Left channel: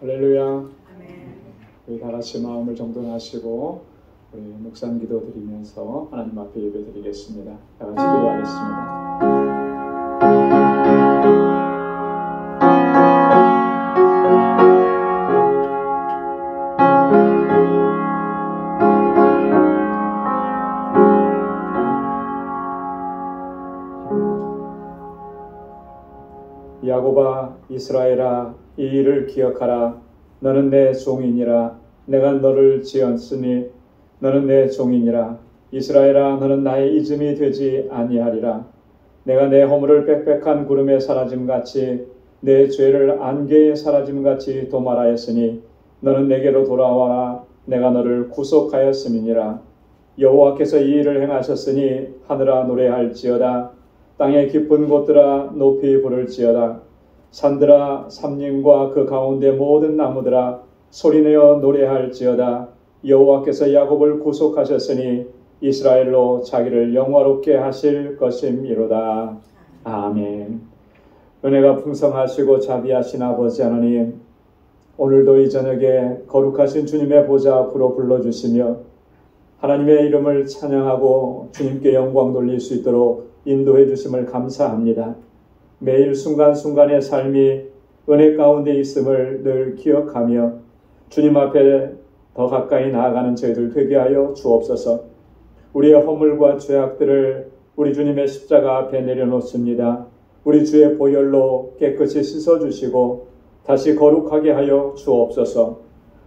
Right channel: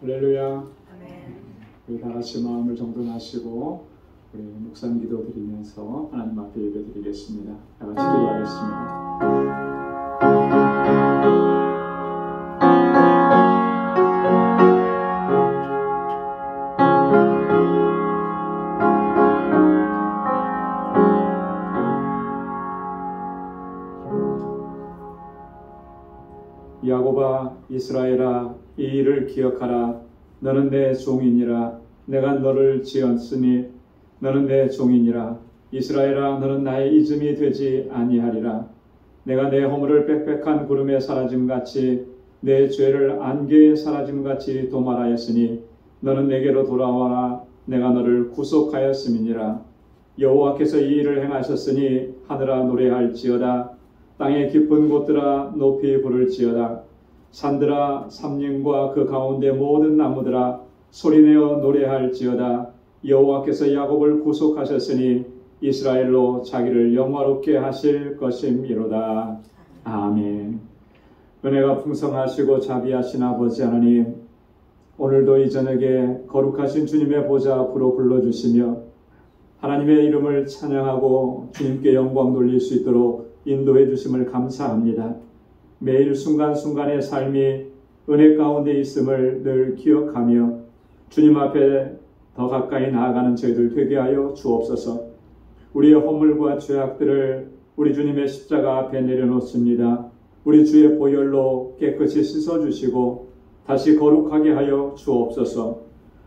할렐루야. 우리 다 같이 마음을 정돈하시고 우리 묵상 기도 드리면서 하나님 앞에 예배 드리겠습니다. 다 같이 기도하겠습니다. 야곱아, 이스라엘아, 이 일을 기억하라. 너는 내 종이니라. 내가 너를 지었으니 너는 내 종이니라. 이스라엘아, 너는 나의 잊음이 되지 아니하리라. 내가 내 허물을 빽빽한 구름에 사라짐같이 내 죄를 안개에 사라짐같이 도말하였으니 너는 내게로 돌아와라. 내가 너를 구속하였음이니라. 여호와께서 이 일을 행하셨으니 하늘아 노래할지어다. 땅의 깊은 곳들아 높이 부를지어다. 산들아 삼림과 그 가운데 모든 나무들아 소리내어 노래할지어다. 여호와께서 야곱을 구속하셨으니 이스라엘로 자기를 영화롭게 하실 것임이로다. 아멘. 은혜가 풍성하시고 자비하신 아버지 하나님, 오늘도 이 저녁에 거룩하신 주님의 보좌 앞으로 불러주시며 하나님의 이름을 찬양하고 주님께 영광 돌릴 수 있도록 인도해 주심을 감사합니다. 매일 순간순간의 삶이 은혜 가운데 있음을 늘 기억하며 주님 앞에 더 가까이 나아가는 저희들 되게 하여 주옵소서. 우리의 허물과 죄악들을 우리 주님의 십자가 앞에 내려놓습니다. 우리 주의 보혈로 깨끗이 씻어주시고 다시 거룩하게 하여 주옵소서.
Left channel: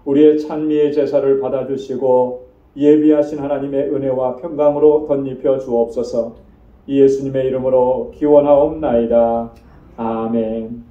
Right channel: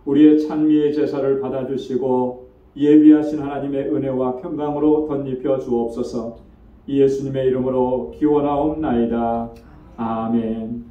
우리의 찬미의 제사를 받아주시고 예비하신 하나님의 은혜와 평강으로 덧입혀 주옵소서. 예수님의 이름으로 기원하옵나이다. 아멘.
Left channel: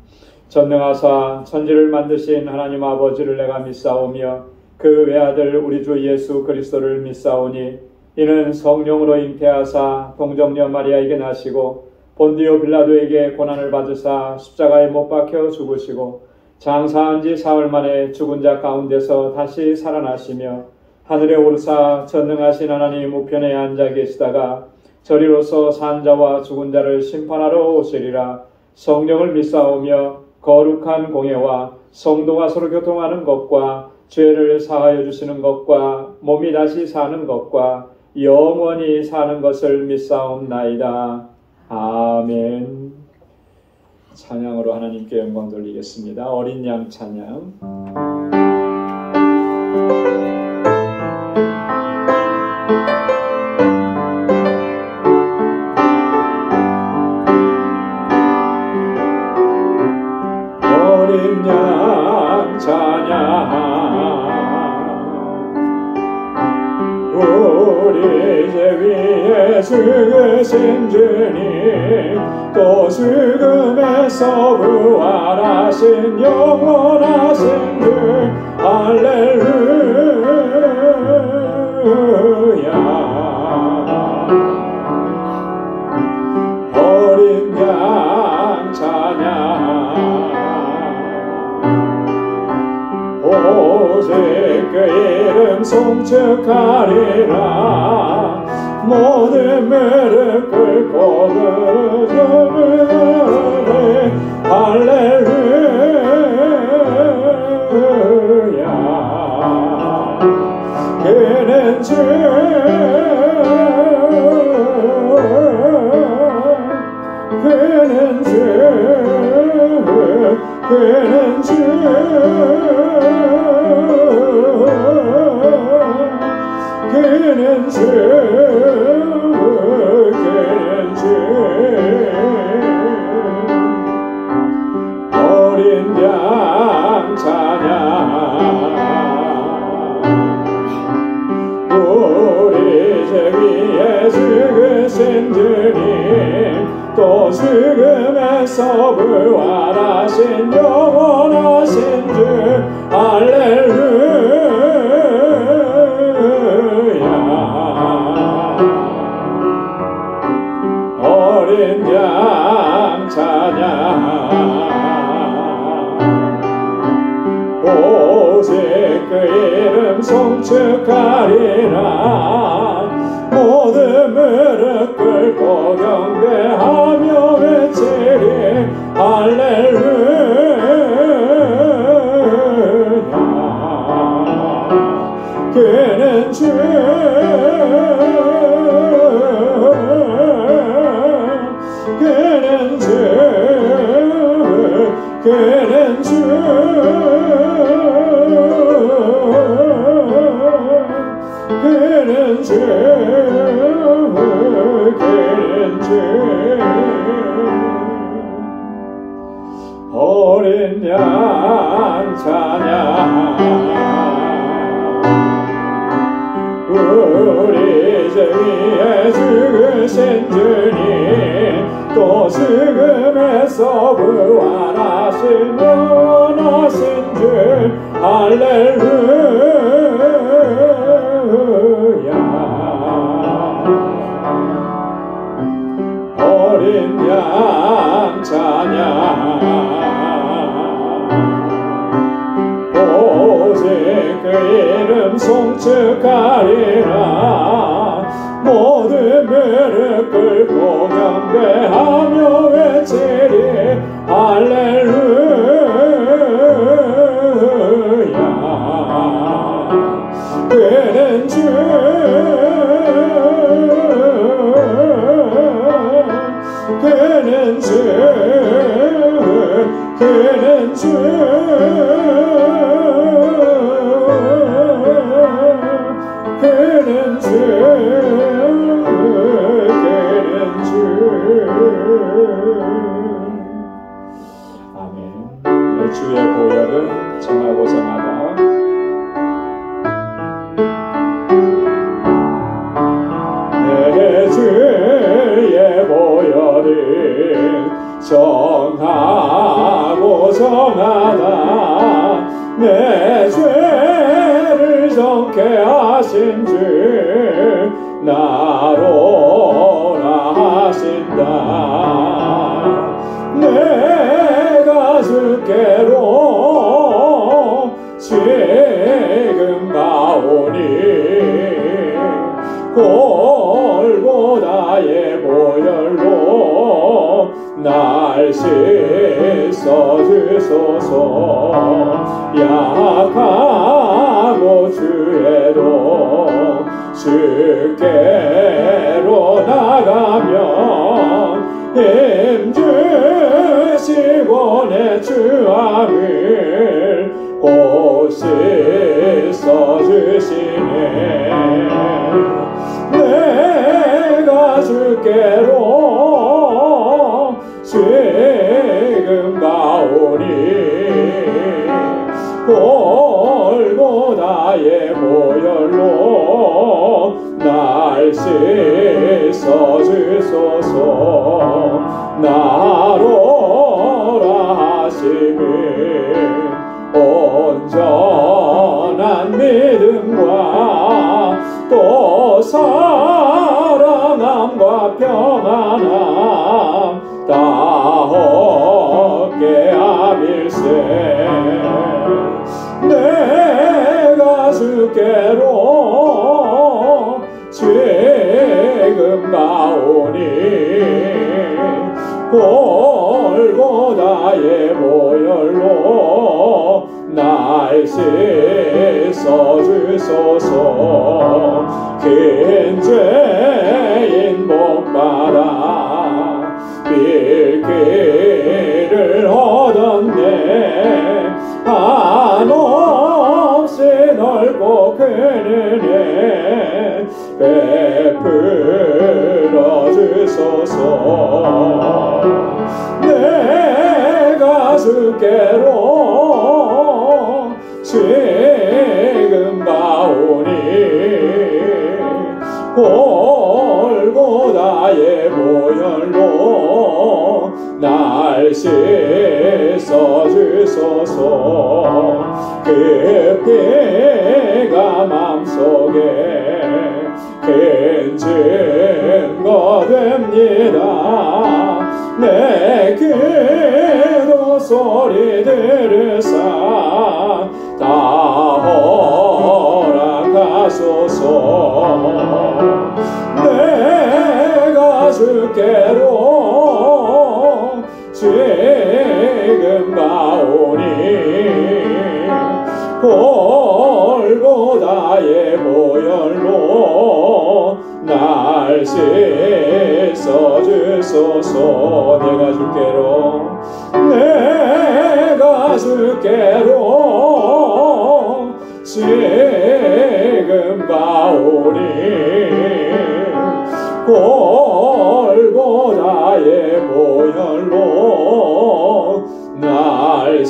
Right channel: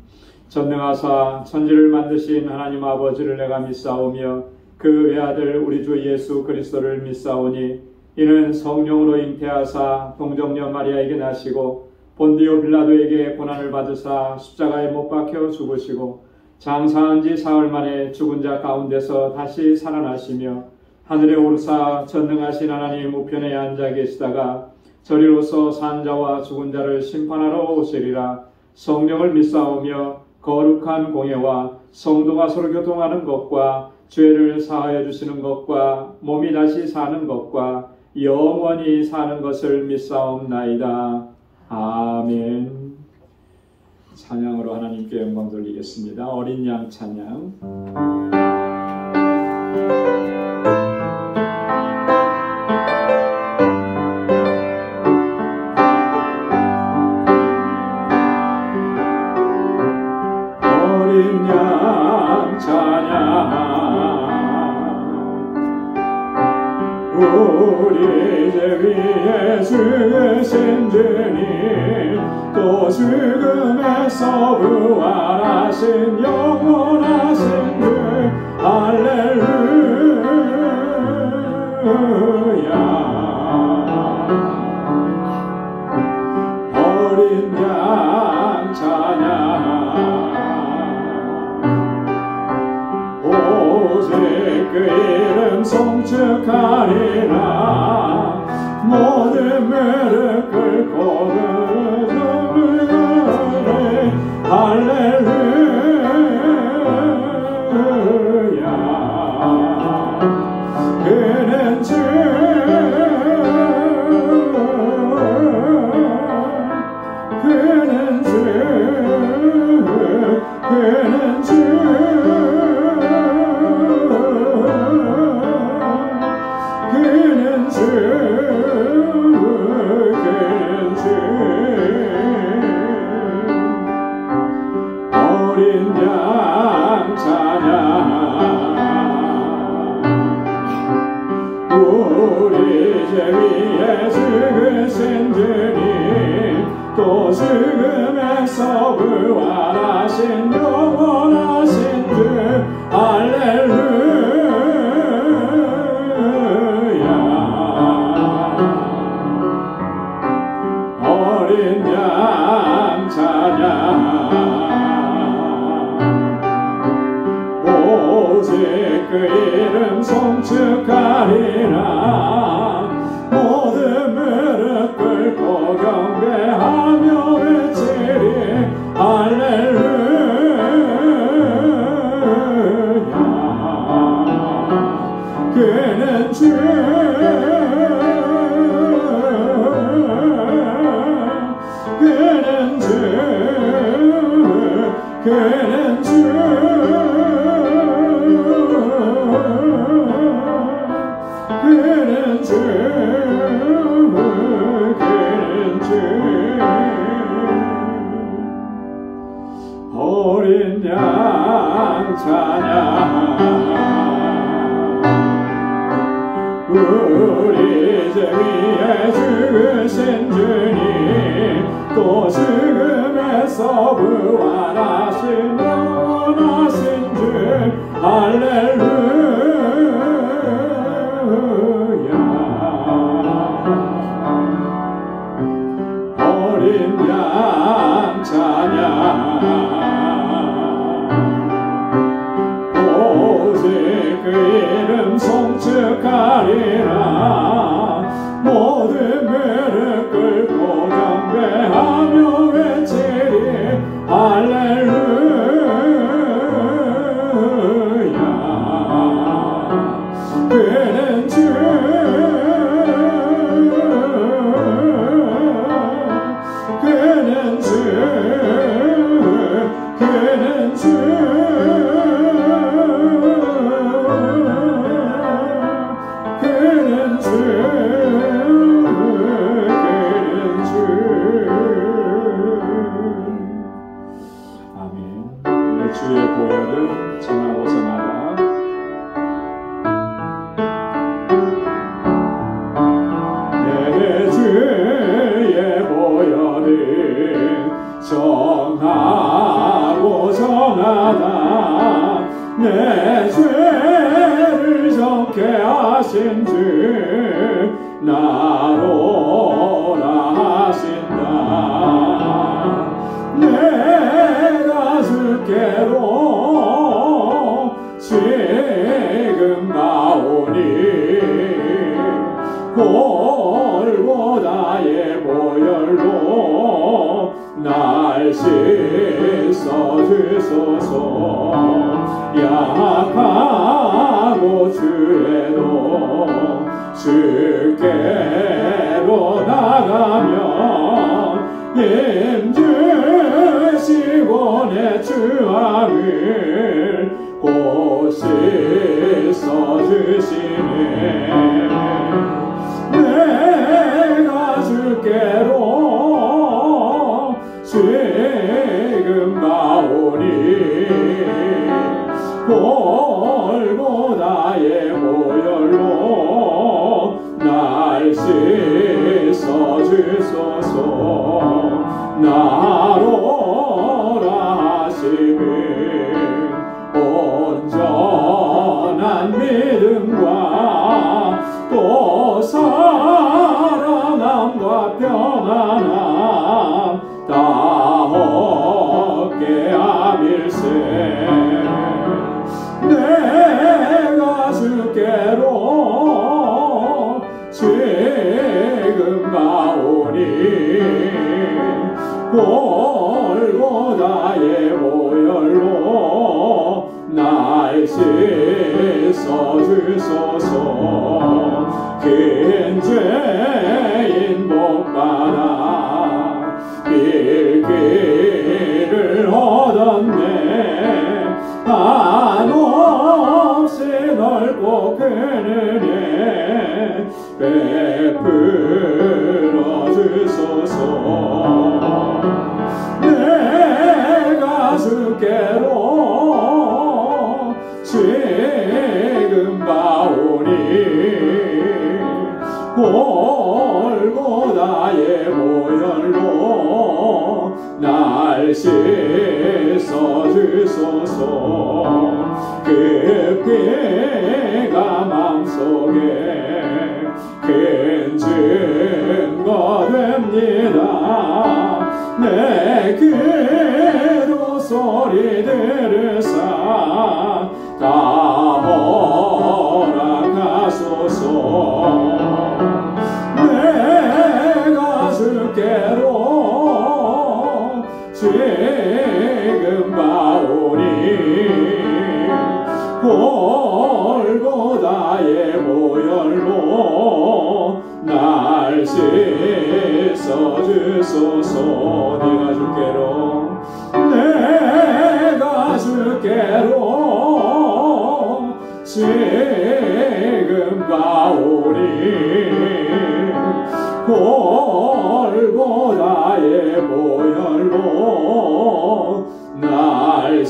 전능하사 천지를 만드신 하나님 아버지를 내가 믿사오며 그 외아들 우리 주 예수 그리스도를 믿사오니 이는 성령으로 잉태하사 동정녀 마리아에게 나시고 본디오 빌라도에게 고난을 받으사 십자가에 못 박혀 죽으시고 장사한 지 사흘 만에 죽은 자 가운데서 다시 살아나시며 하늘에 오르사 전능하신 하나님 우편에 앉아 계시다가 저리로서 산 자와 죽은 자를 심판하러 오시리라. 성령을 믿사오며 거룩한 공예와 성도가 서로 교통하는 것과 죄를 사하여 주시는 것과 몸이 다시 사는 것과 영원히 사는 것을 믿사옵나이다. 아멘. 찬양으로 하나님께 영광 돌리겠습니다. 어린 양 찬양. 우리 죄 위에 죽으신 주님 또 죽음에서 부활하신 영원하신 주 할렐루야. 어린 양 찬양 오직 그 이름 송축하리라. 모든 무릎 꿇고 부르짖으리 할렐루야. 그는 주 그는 주 그는 주 그는 주 그는 주 어린 양 찬양 우리 죄 위에 죽으신 주님 또 죽음에서 부활하신 영원하신 주 할렐루야. 어린 양 찬양 오직 그 이름 송축하리라. 모든 무릎 꿇고 경배하며 외치리 할렐루야. 그는 주 그는 주 어린 양 찬양 우리 죄위에 죽으신 주님 또 죽음에서 부활하신 영원하신 주 할렐루야 어린 양 찬양 오직 그 이름 송축하리라 모든 무릎 꿇고 경배하며 외치리 할렐루야 그는 주 그는 주 그는 주 그는 주 그는 주 아멘. 내 주의 보혈은 정하고 정하다 내 주의 보혈은 정하고 정하다 내 죄를 정케 하신 주 나로라 하신다 내가 주께로 지금 가오니 골고다의 보혈로 날 씻어주소서 약하고 주에도 주께로 나가면 힘주시고 내 주함을 곧 씻어주시네 내가 주께로 지금 가오니 골고다의 보혈로 날 씻어주소서 나로라 하심은 온전한 믿음과 또 사랑함과 평안함 다 얻게 함일세 내가 주께로 지금 가오니 골고다의 보혈로 날 씻어주소서 긴 죄인 복받아 빌기를 얻었네 한없이 넓고 큰 은혜 베풀어 주소서 내가 주께로 지금 가오니 골고다의 보혈로 날 씻어주소서 그 피가 맘속에 큰 증거 됩니다 내 기도 소리 들으사 다 허락하소서 내가 주께로 지금 가오니 골고다의 보혈로 날 씻어주소서 내가 주께로 지금 가 나오니 골고다의 보혈로 날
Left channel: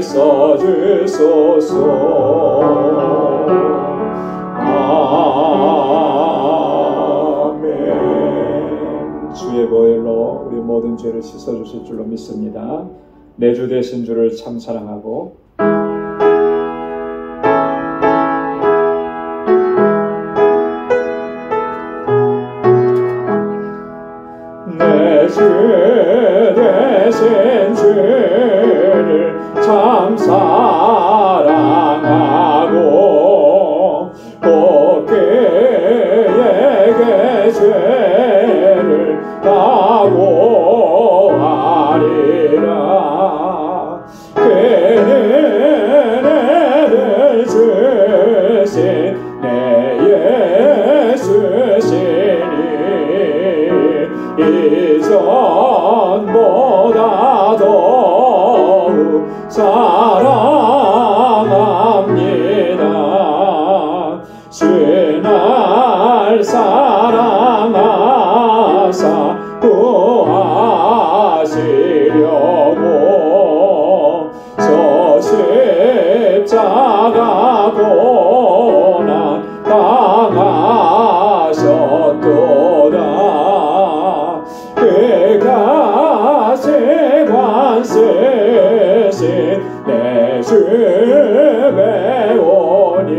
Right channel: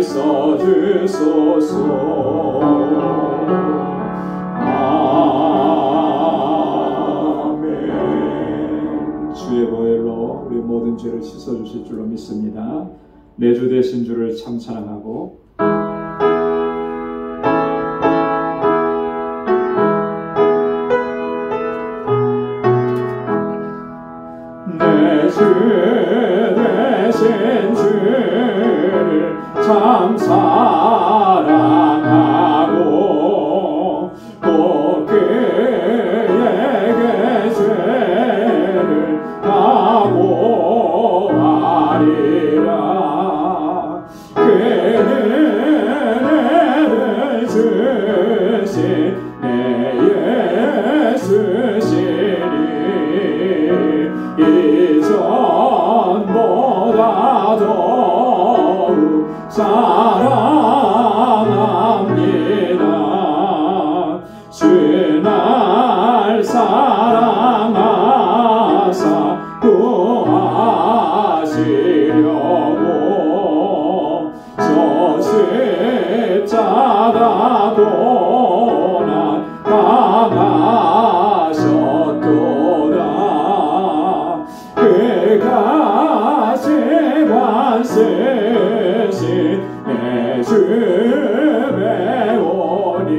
씻어주소서. 아멘. 주의 보혈로 우리 모든 죄를 씻어주실 줄로 믿습니다. 내 주 되신 주를 참 사랑하고 내 주 되신 주를 참 사랑하고 또 그에게 죄를 각오하리라. 그는 애를 주신 내 예수시니 이전보다 더욱 사랑합니다. 주 날 사랑하사 구하시려고 저 십자가 고난 당하셨도다. 그가 세관 쓰신 내 주 배우니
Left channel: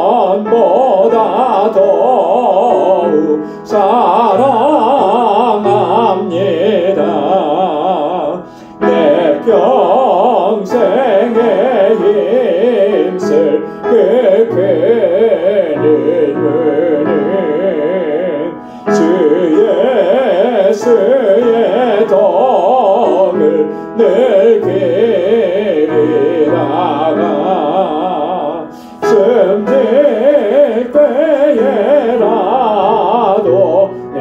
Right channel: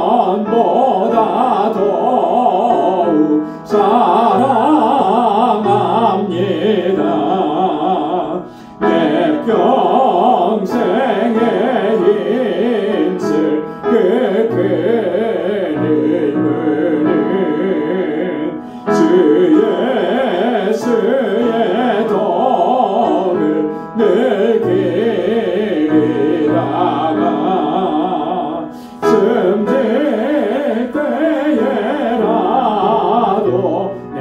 이전보다 더욱 사랑합니다. 내 평생의 힘쓸 그 큰 의무는 주 예수의 덕을 늘 기리다가 숨질 때에라도 내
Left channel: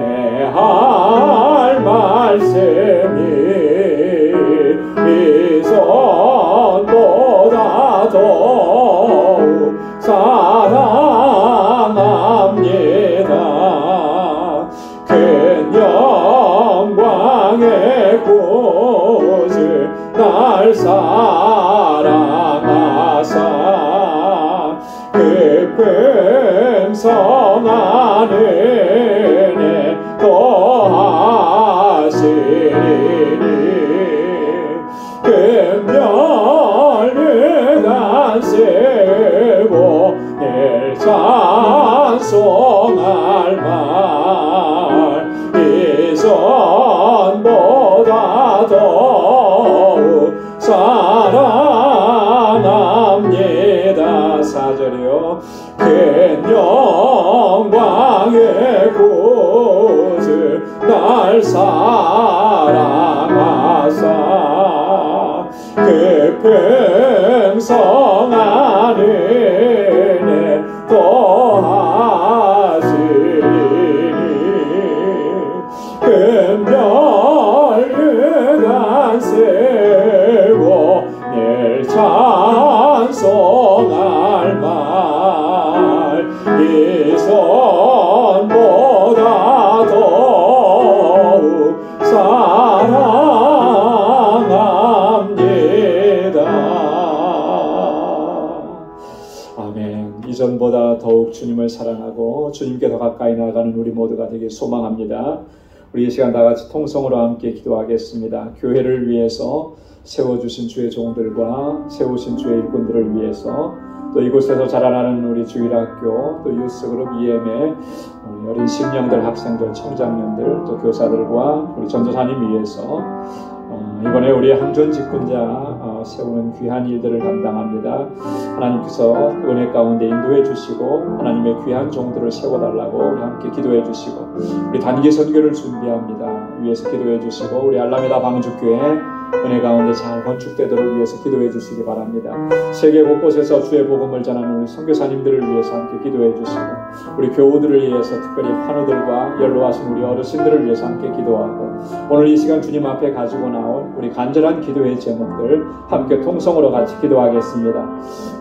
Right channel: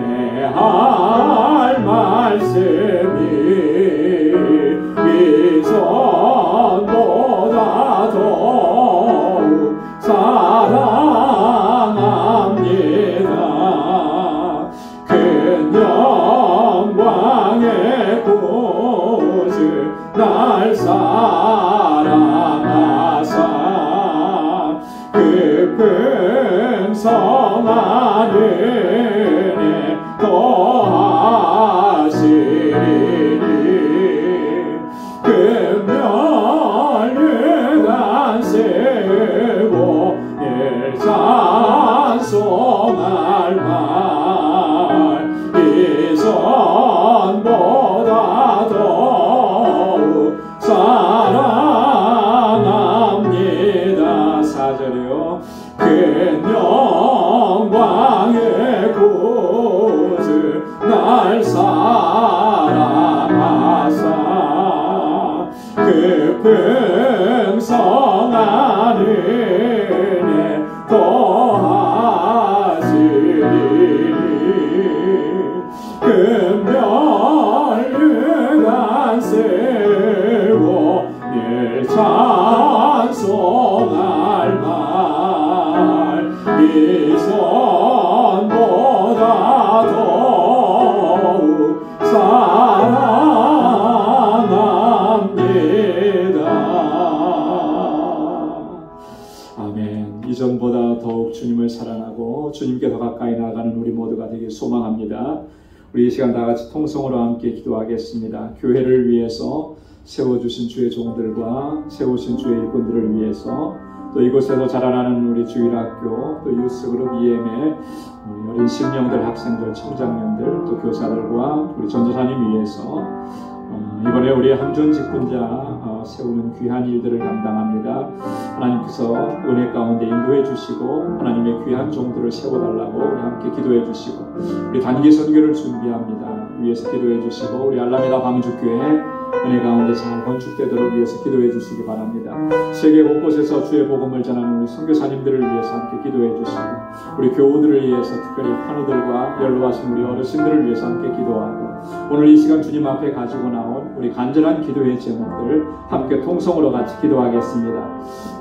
할 말씀이 이전보다 더욱 사랑합니다. 큰 영광의 구주 날 사랑하사 그 풍성한 은혜 더하시리니 금멸유관 쓰고 늘 찬송할 말 이전보다 더욱 사랑합니다. 4절이요. 큰 영광의 구주 날 사랑하사 그 풍성한 은혜 더하시리니 금멸유관 쓰고 늘 찬송할 말 이전보다 더욱 사랑합니다. 아멘. 이전보다 더욱 주님을 사랑하고 주님께 더 가까이 나아가는 우리 모두가 되길 소망합니다. 우리 이 시간 다 같이 통성으로 함께 기도하겠습니다. 교회를 위해서 세워주신 주의 종들과 세우신 주의 일꾼들을 위해서 또 이곳에서 자라나는 우리 주일학교 또 유스그룹 EM의 우리 어린 심령들, 학생들, 청장년들 또 교사들과 우리 전도사님 위해서 이번에 우리 한존 직분자 세우는 귀한 일들을 감당합니다. 하나님께서 은혜 가운데 인도해 주시고 하나님의 귀한 종들을 세워달라고 우리 함께 기도해 주시고 우리 단기 선교를 준비합니다. 위에서 기도해 주시고 우리 알라메다 방주교회 은혜 가운데 잘 건축되도록 위해서 기도해 주시기 바랍니다. 세계 곳곳에서 주의 복음을 전하는 우리 선교사님들을 위해서 함께 기도해 주시고, 우리 교우들을 위해서 특별히 환우들과 연로하신 우리 어르신들을 위해서 함께 기도하고, 오늘 이 시간 주님 앞에 가지고 나온 우리 간절한 기도의 제목들 함께 통성으로 같이 기도하겠습니다.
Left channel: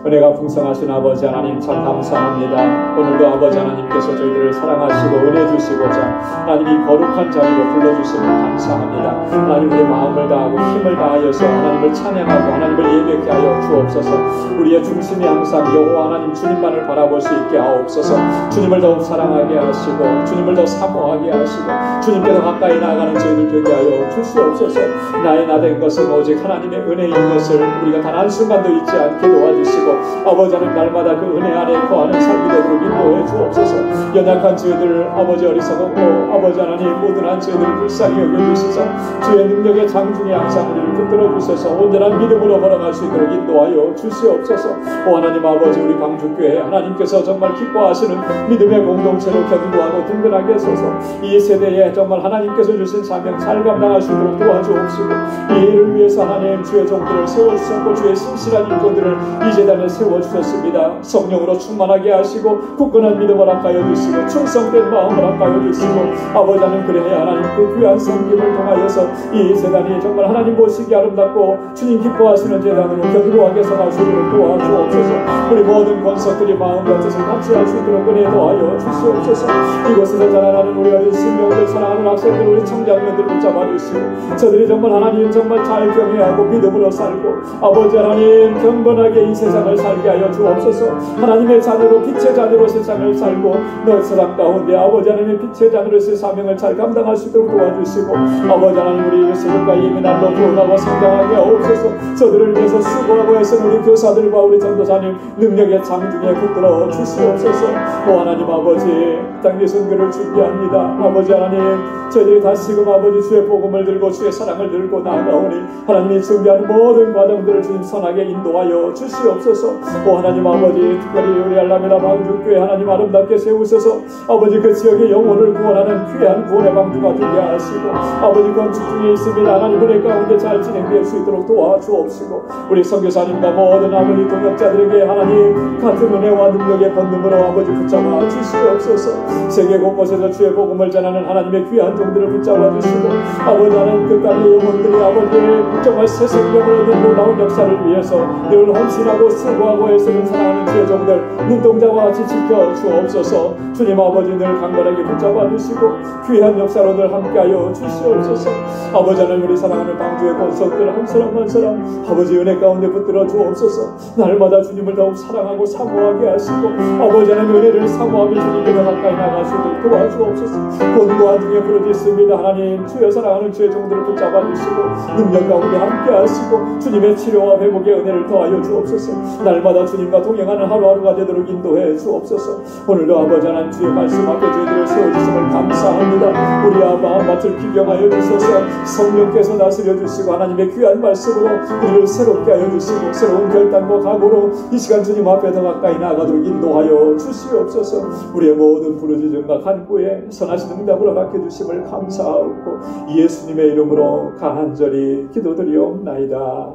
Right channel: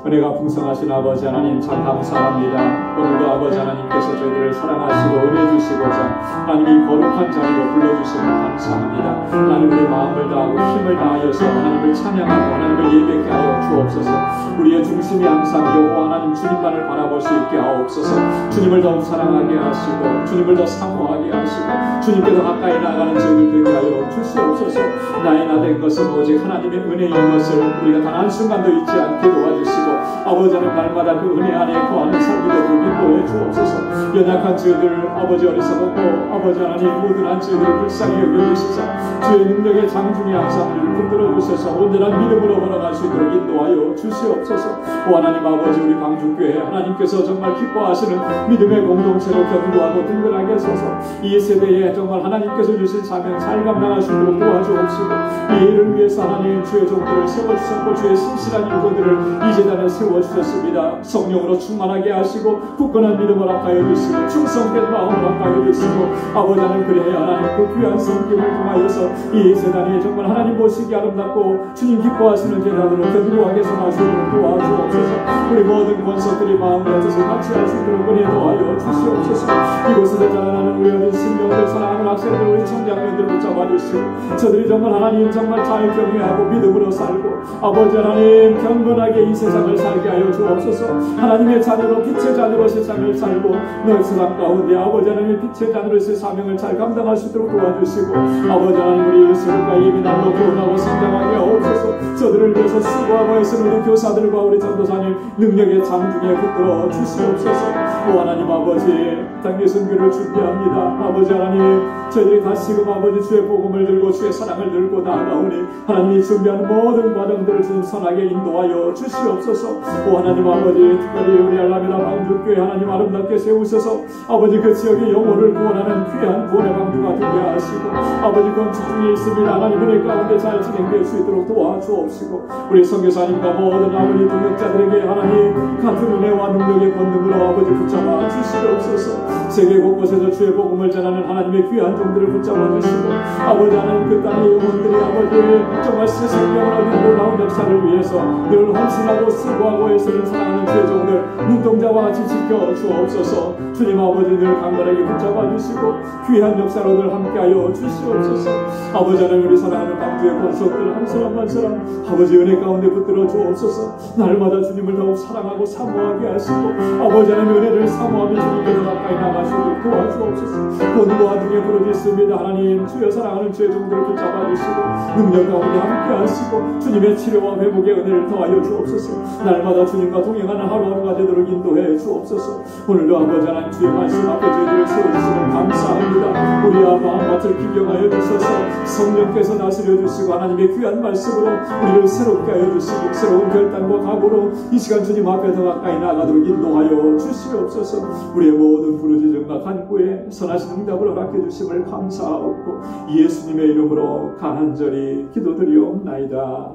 은혜가 풍성하신 아버지 하나님 참 감사합니다. 오늘도 아버지 하나님께서 저희들을 사랑하시고 은혜 주시고자 하나님 이 거룩한 자리로 불러주심을 감사합니다. 하나님 우리 마음을 다하고 힘을 다하여서 하나님을 찬양하고 하나님을 예배케 하여 주옵소서. 우리의 중심이 항상 여호와 하나님 주님만을 바라볼 수 있게 하옵소서. 주님을 더욱 사랑하게 하시고 주님을 더 사모하게 하시고 주님께 더 가까이 나아가는 저희들 되게 하여 주시옵소서. 나의 나 된 것은 오직 하나님의 은혜인 것을 우리가 단 한순간도 잊지 않게 도와주시고, 아버지 하나님 날마다 그 은혜 안에 거하는 삶이 되도록 인도해 주옵소서. 연약한 저희들 아버지 어리석었고 아버지 하나님 모든 저희들을 불쌍히 여겨주시사 주의 능력의 장중에 항상 우리를 붙들어 주셔서 온전한 믿음으로 걸어갈 수 있도록 인도하여 주시옵소서. 오 하나님 아버지 우리 광주교회 하나님께서 정말 기뻐하시는 믿음의 공동체로 견고하고 든든하게 서서 이 세대에 정말 하나님께서 주신 사명 잘 감당할 수 있도록 도와주옵시고, 이 일을 위해서 하나님 주의 종들을 세워주셨고 주의 신실한 일꾼들을 이 재단에 세워주셨습니다. 성령으로 충만하게 하시고 굳건한 믿음을 허락하여 주시고 충성된 마음을 허락하여 주시고, 아버지 하나님 그리하여 하나님 그 귀한 섬김을 통하여서 이 재단이 정말 하나님 보시기 아름답고 주님 기뻐하시는 재단으로 견고하게 서갈 수 있도록 도와주옵소서. 우리 모든 권속들이 마음과 뜻을 같이 할 수 있도록 은혜 더하여 주시옵소서. 이곳에서 자라나는 우리 어린 신명들 사랑하는 학생들 우리 청장년들 붙잡아 주시고, 저들이 정말 하나님 정말 잘 경외하고 믿음으로 살고 아버지 하나님 경건하게 이 세상을 살게 하여 주옵소서. 하나님의 자녀로 빛의 자녀로 세상을 살고 너의 사랑 가운데 아버지 하나님의 빛의 자녀로서의 사명을 잘 감당할 수 있도록 도와주시고, 아버지 하나님 우리 예수님과 예민함로 구원하고 성장하게 하옵소서. 저들을 위해서 수고하고 애쓰는 우리 교사들과 우리 전도사님 능력의 장중에 붙들어 주시옵소서. 오 하나님 아버지 당대 선교를 준비합니다. 아버지 하나님 저희들이 다시금 아버지 주의 복음을 들고 주의 사랑을 들고 나아가오니 하나님이 준비하는 모든 과정들을 주님 선하게 인도하여 주시옵소서. 오 하나님 아버지 특별히 우리 알라메다 방주교회 하나님 아름답게 세우셔서 아버지 그 지역의 영혼을 구원하는 귀한 구원의 방주가 되게 하시고, 아버지 건축 중에 있습니다. 하나님 은혜 가운데 잘 진행될 수 있도록 도와주옵시고, 우리 선교사님과 모든 아버지 동역자들에게 하나님 같은 은혜와 능력의 본능으로 아버지 붙잡아 주시옵소서. 세계 곳곳에서 주의 복음을 전하는 하나님의 귀한 종들을 붙잡아 주시고, 아버지 하나님 끝까지 영혼들이 아버지 정말 새 생명을 얻는 놀라운 역사를 위해서 늘 헌신하고 수고하고 애쓰는 사랑하는 주의 종들 눈동자와 같이 지켜 주옵소서. 주님 아버지 늘 강건하게 붙잡아 주시고 귀한 역사로 늘 함께하여 주시옵소서. 아버지 하나님 우리 사랑하는 방주의 권속들 한 사람 한 사람 아버지 은혜 가운데 붙들어 주옵소서. 날마다 주님을 더욱 사랑하고 사모하게 하시고 아버지 하나님 은혜를 사모하며 주님께 더 가까이 나갈 수 있도록 도와주옵소서. 권고한 중에 부르짖습니다. 하나님 주여 사랑하는 주의 종들을 붙잡아 주시고 능력 가운데 함께 하시고 주님의 치료와 회복의 은혜를 더하여 주옵소서. 날마다 주님과 동행하는 하루하루가 되도록 인도해 주옵소서. 오늘도 아버지 하나님 주의 말씀 앞에 저희들을 세워주심을 감사합니다. 우리 아바 밭을 기경하여 주셔서 성령께서 다스려 주시고 하나님의 귀한 말씀으로 우리를 새롭게 하여 주시고 새로운 결단과 각오로 이 시간 주님 앞에 더 가까이 나가도록 인도하여 주시옵소서. 우리의 모든 부르짖음과 간구에 선하신 응답을 허락해 주심을 감사하고 예수님의 이름으로 간절히 기도드리옵나이다.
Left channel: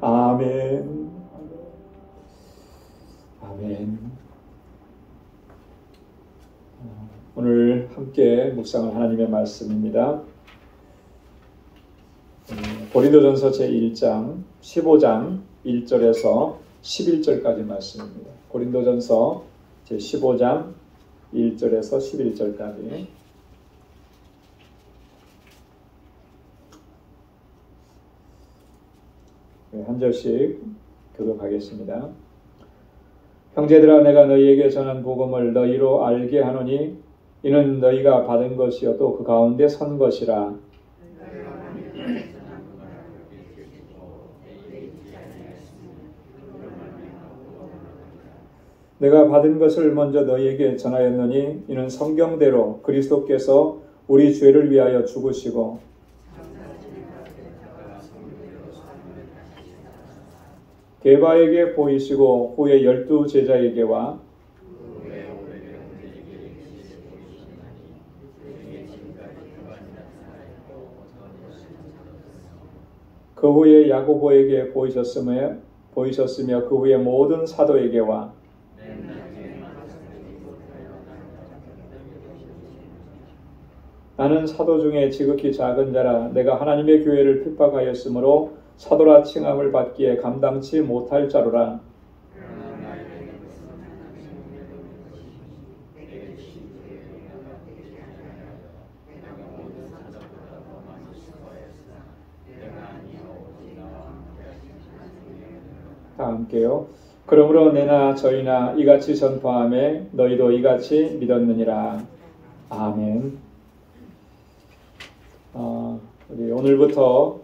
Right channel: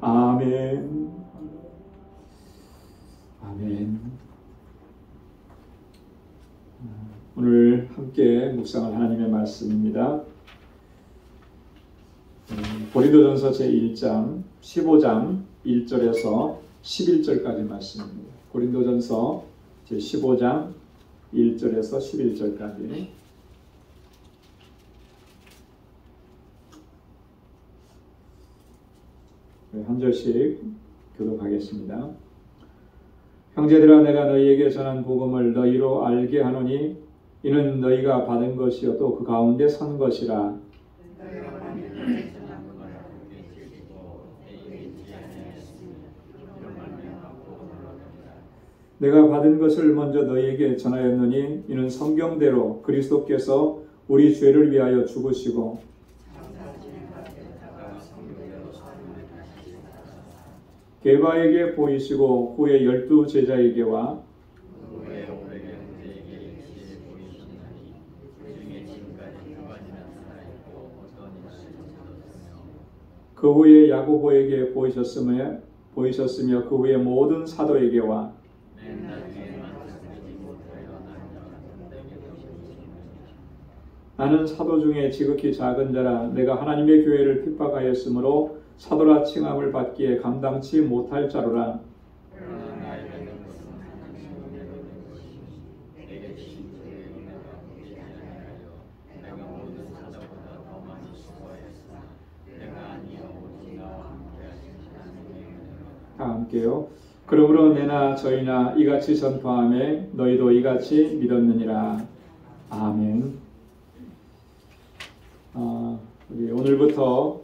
아멘. 아멘. 오늘 함께 묵상할 하나님의 말씀입니다. 고린도전서 제1장 15장 1절에서 11절까지 말씀입니다. 고린도전서 제15장 1절에서 11절까지 한 절씩 교독하겠습니다. 형제들아 내가 너희에게 전한 복음을 너희로 알게 하노니 이는 너희가 받은 것이요 또 그 가운데 선 것이라. 내가 받은 것을 먼저 너희에게 전하였느니 이는 성경대로 그리스도께서 우리 죄를 위하여 죽으시고 게바에게 보이시고 후에 12 제자에게와 그 후에 야고보에게 보이셨으며 그 후에 모든 사도에게와 나는 사도 중에 지극히 작은 자라 내가 하나님의 교회를 핍박하였으므로 사도라 칭함을 받기에 감당치 못할 자로라. 다 함께요. 그러므로 내나 저희나 이같이 전파하매 너희도 이같이 믿었느니라. 아멘. 우리 오늘부터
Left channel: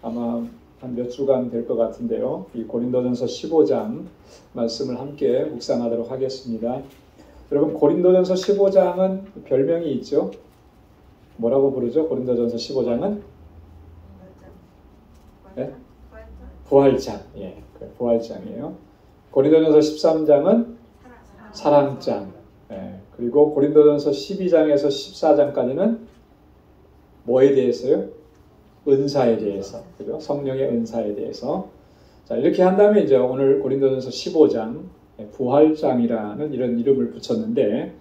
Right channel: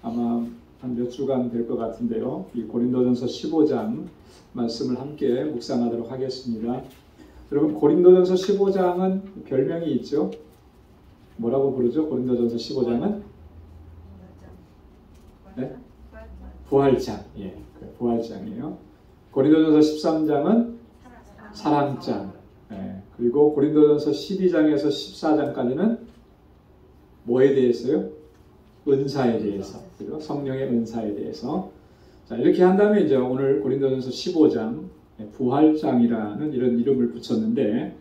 아마 한 몇 주간 될 것 같은데요. 이 고린도전서 15장 말씀을 함께 묵상하도록 하겠습니다. 여러분 고린도전서 15장은 별명이 있죠. 뭐라고 부르죠? 고린도전서 15장은? 네? 부활장. 예, 부활장이에요. 고린도전서 13장은 사랑장. 예, 그리고 고린도전서 12장에서 14장까지는 뭐에 대해서요? 은사에 대해서. 그죠? 성령의 은사에 대해서. 자, 이렇게 한다면 이제 오늘 고린도전서 15장 부활장이라는 이런 이름을 붙였는데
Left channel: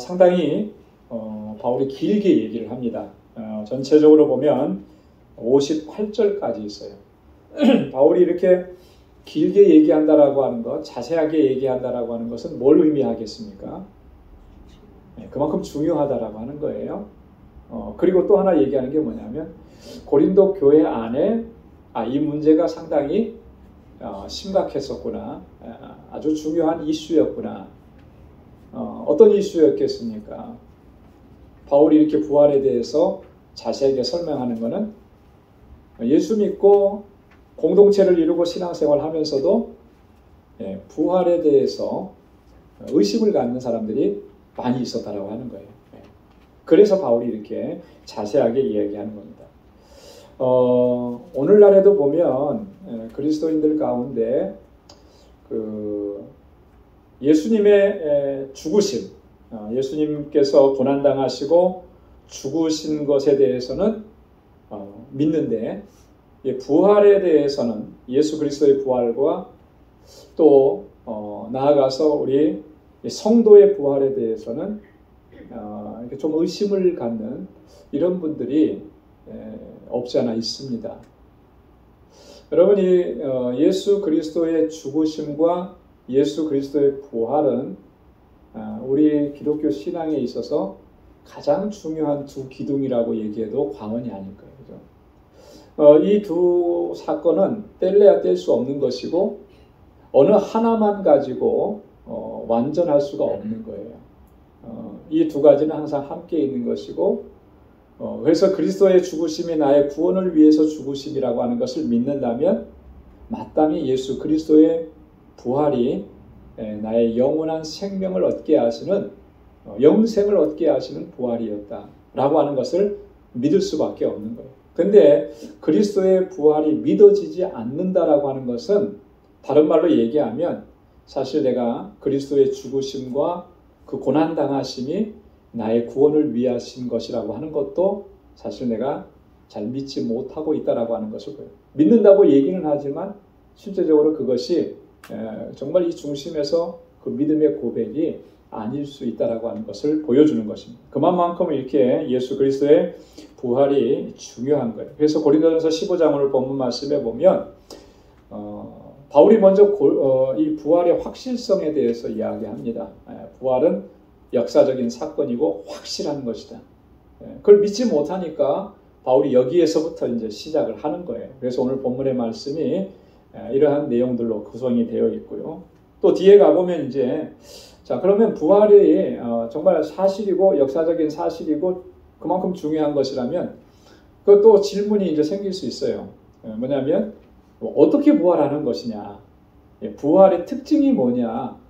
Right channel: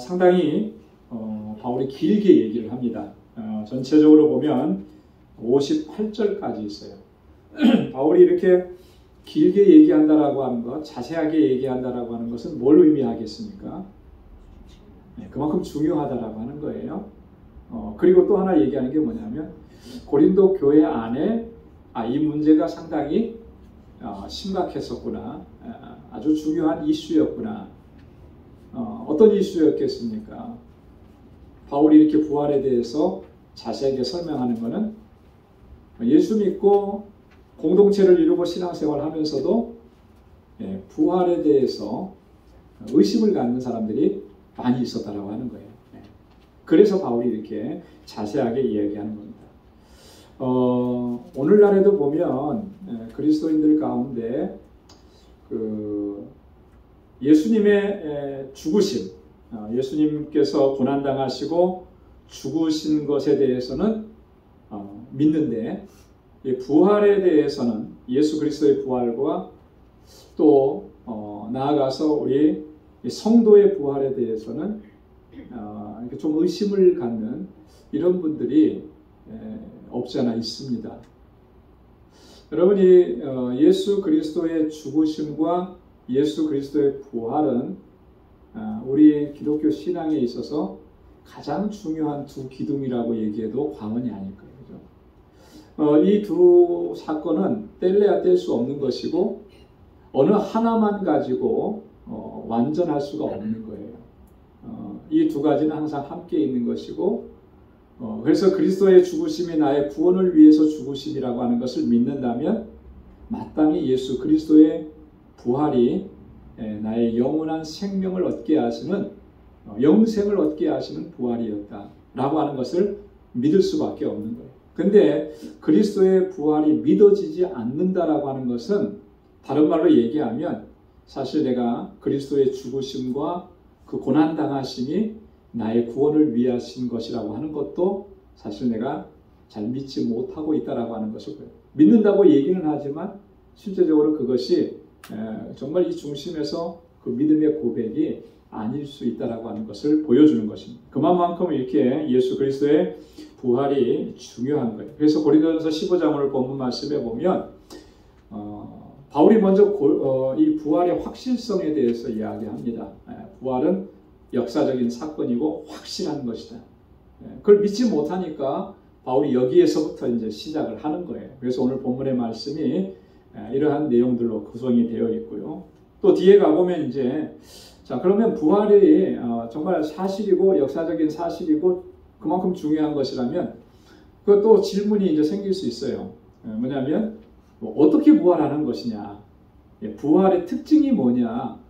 상당히 바울이 길게 얘기를 합니다. 전체적으로 보면 58절까지 있어요. 바울이 이렇게 길게 얘기한다라고 하는 것, 자세하게 얘기한다라고 하는 것은 뭘 의미하겠습니까? 그만큼 중요하다라고 하는 거예요. 그리고 또 하나 얘기하는 게 뭐냐면 고린도 교회 안에 이 문제가 상당히 심각했었구나, 아주 중요한 이슈였구나. 어떤 이슈였겠습니까? 바울이 이렇게 부활에 대해서 자세하게 설명하는 것은 예수 믿고 공동체를 이루고 신앙생활 하면서도 부활에 대해서 의심을 갖는 사람들이 많이 있었다라고 하는 거예요. 그래서 바울이 이렇게 자세하게 이야기하는 겁니다. 오늘날에도 보면 그리스도인들 가운데 예수님의 죽으심, 예수님께서 고난당하시고 죽으신 것에 대해서는 믿는데 부활에 대해서는 예수 그리스도의 부활과 또 나아가서 우리 성도의 부활에 대해서는 이렇게 좀 의심을 갖는 이런 분들이 없지 않아 있습니다. 여러분이 예수 그리스도의 죽으심과 예수 그리스도의 부활은 우리 기독교 신앙에 있어서 가장 중요한 두 기둥이라고 얘기해도 과언이 아닐 거예요. 이 두 사건은 뗄래야 뗄 수 없는 것이고 어느 하나만 가지고 완전할 수가 없는 거예요. 이 두 가지는 항상 함께 있는 것이고 그래서 그리스도의 죽으심이 나의 구원을 위해서 죽으심이라고 하는 것을 믿는다면 마땅히 예수 그리스도의 부활이 나의 영원한 생명을 얻게 하시는 영생을 얻게 하시는 부활이었다라고 하는 것을 믿을 수밖에 없는 거예요. 근데 그리스도의 부활이 믿어지지 않는다라고 하는 것은 다른 말로 얘기하면 사실 내가 그리스도의 죽으심과 그 고난당하심이 나의 구원을 위하신 것이라고 하는 것도 사실 내가 잘 믿지 못하고 있다라고 하는 것을 보여요. 믿는다고 얘기는 하지만 실제적으로 그것이 정말 이 중심에서 그 믿음의 고백이 아닐 수 있다라고 하는 것을 보여주는 것입니다. 그만큼 이렇게 예수 그리스도의 부활이 중요한 거예요. 그래서 고린도전서 15장 오늘 본문 말씀에 보면 바울이 먼저 이 부활의 확실성에 대해서 이야기합니다. 부활은 역사적인 사건이고 확실한 것이다. 그걸 믿지 못하니까 바울이 여기에서부터 이제 시작을 하는 거예요. 그래서 오늘 본문의 말씀이 이러한 내용들로 구성이 되어 있고요. 또 뒤에 가보면 이제 자 그러면 부활이 정말 사실이고 역사적인 사실이고 그만큼 중요한 것이라면 그것도 질문이 이제 생길 수 있어요. 뭐냐면 어떻게 부활하는 것이냐, 부활의 특징이 뭐냐,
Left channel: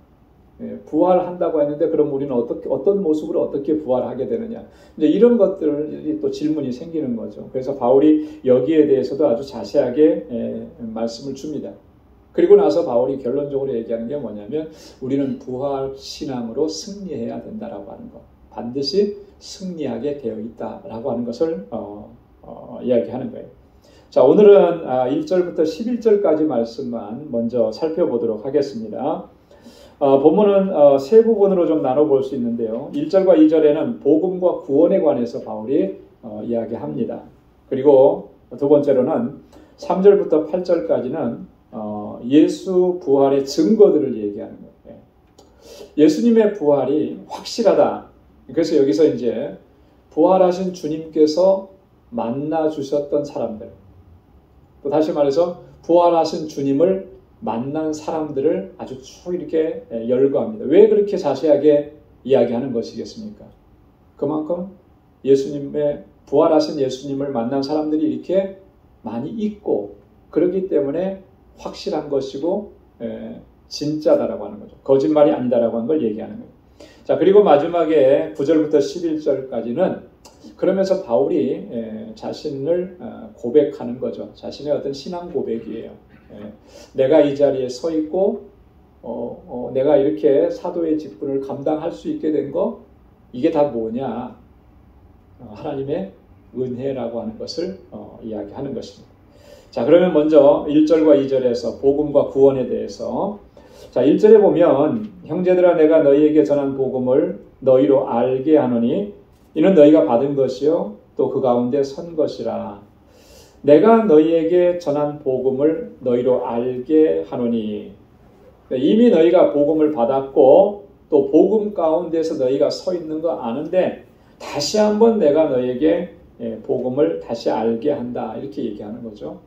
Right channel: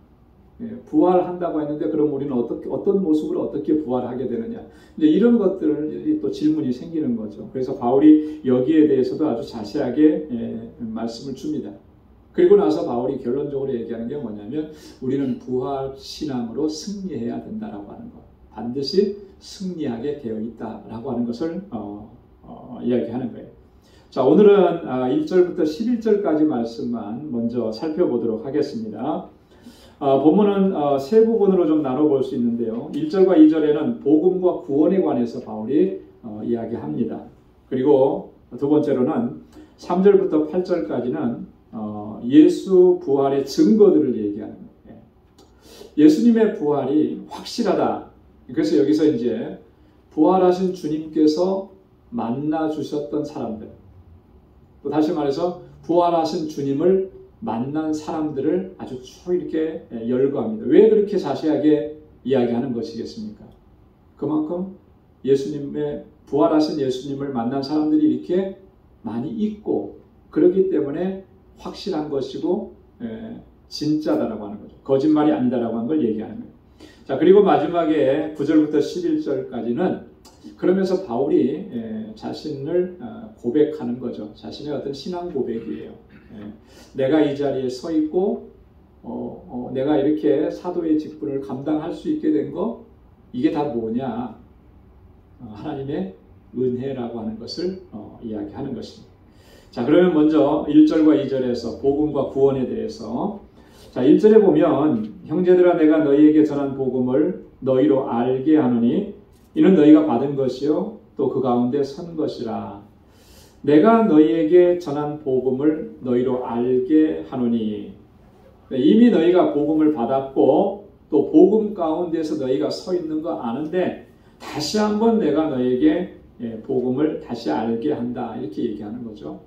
부활한다고 했는데 그럼 우리는 어떤 모습으로 어떻게 부활하게 되느냐, 이제 이런 것들이 또 질문이 생기는 거죠. 그래서 바울이 여기에 대해서도 아주 자세하게 말씀을 줍니다. 그리고 나서 바울이 결론적으로 얘기하는 게 뭐냐면 우리는 부활 신앙으로 승리해야 된다라고 하는 것, 반드시 승리하게 되어 있다라고 하는 것을 이야기하는 거예요. 자, 오늘은 1절부터 11절까지 말씀만 먼저 살펴보도록 하겠습니다. 본문은 세 부분으로 좀 나눠볼 수 있는데요. 1절과 2절에는 복음과 구원에 관해서 바울이 이야기합니다. 그리고 두 번째로는 3절부터 8절까지는 예수 부활의 증거들을 얘기하는 거예요. 예수님의 부활이 확실하다. 그래서 여기서 이제 부활하신 주님께서 만나 주셨던 사람들, 또 다시 말해서 부활하신 주님을 만난 사람들을 아주 쭉 이렇게 열거합니다. 왜 그렇게 자세하게 이야기하는 것이겠습니까? 그만큼 예수님의 부활하신 예수님을 만난 사람들이 이렇게 많이 있고 그렇기 때문에 확실한 것이고 진짜다라고 하는 거죠. 거짓말이 아니다라고 하는 걸 얘기하는 거예요. 자, 그리고 마지막에 9절부터 11절까지는 그러면서 바울이 자신을 고백하는 거죠. 자신의 어떤 신앙 고백이에요. 내가 이 자리에 서 있고 내가 이렇게 사도의 직분을 감당할 수 있게 된 거, 이게 다 뭐냐? 하나님의 은혜라고 하는 것을 이야기하는 것입니다. 자, 그러면 먼저 1절과 2절에서 복음과 구원에 대해서, 자, 1절에 보면 형제들아 내가 너희에게 전한 복음을 너희로 알게 하노니 이는 너희가 받은 것이요 또 그 가운데 선 것이라. 내가 너희에게 전한 복음을 너희로 알게 하노니, 이미 너희가 복음을 받았고 또 복음 가운데서 너희가 서 있는 거 아는데 다시 한번 내가 너희에게 복음을 다시 알게 한다, 이렇게 얘기하는 거죠.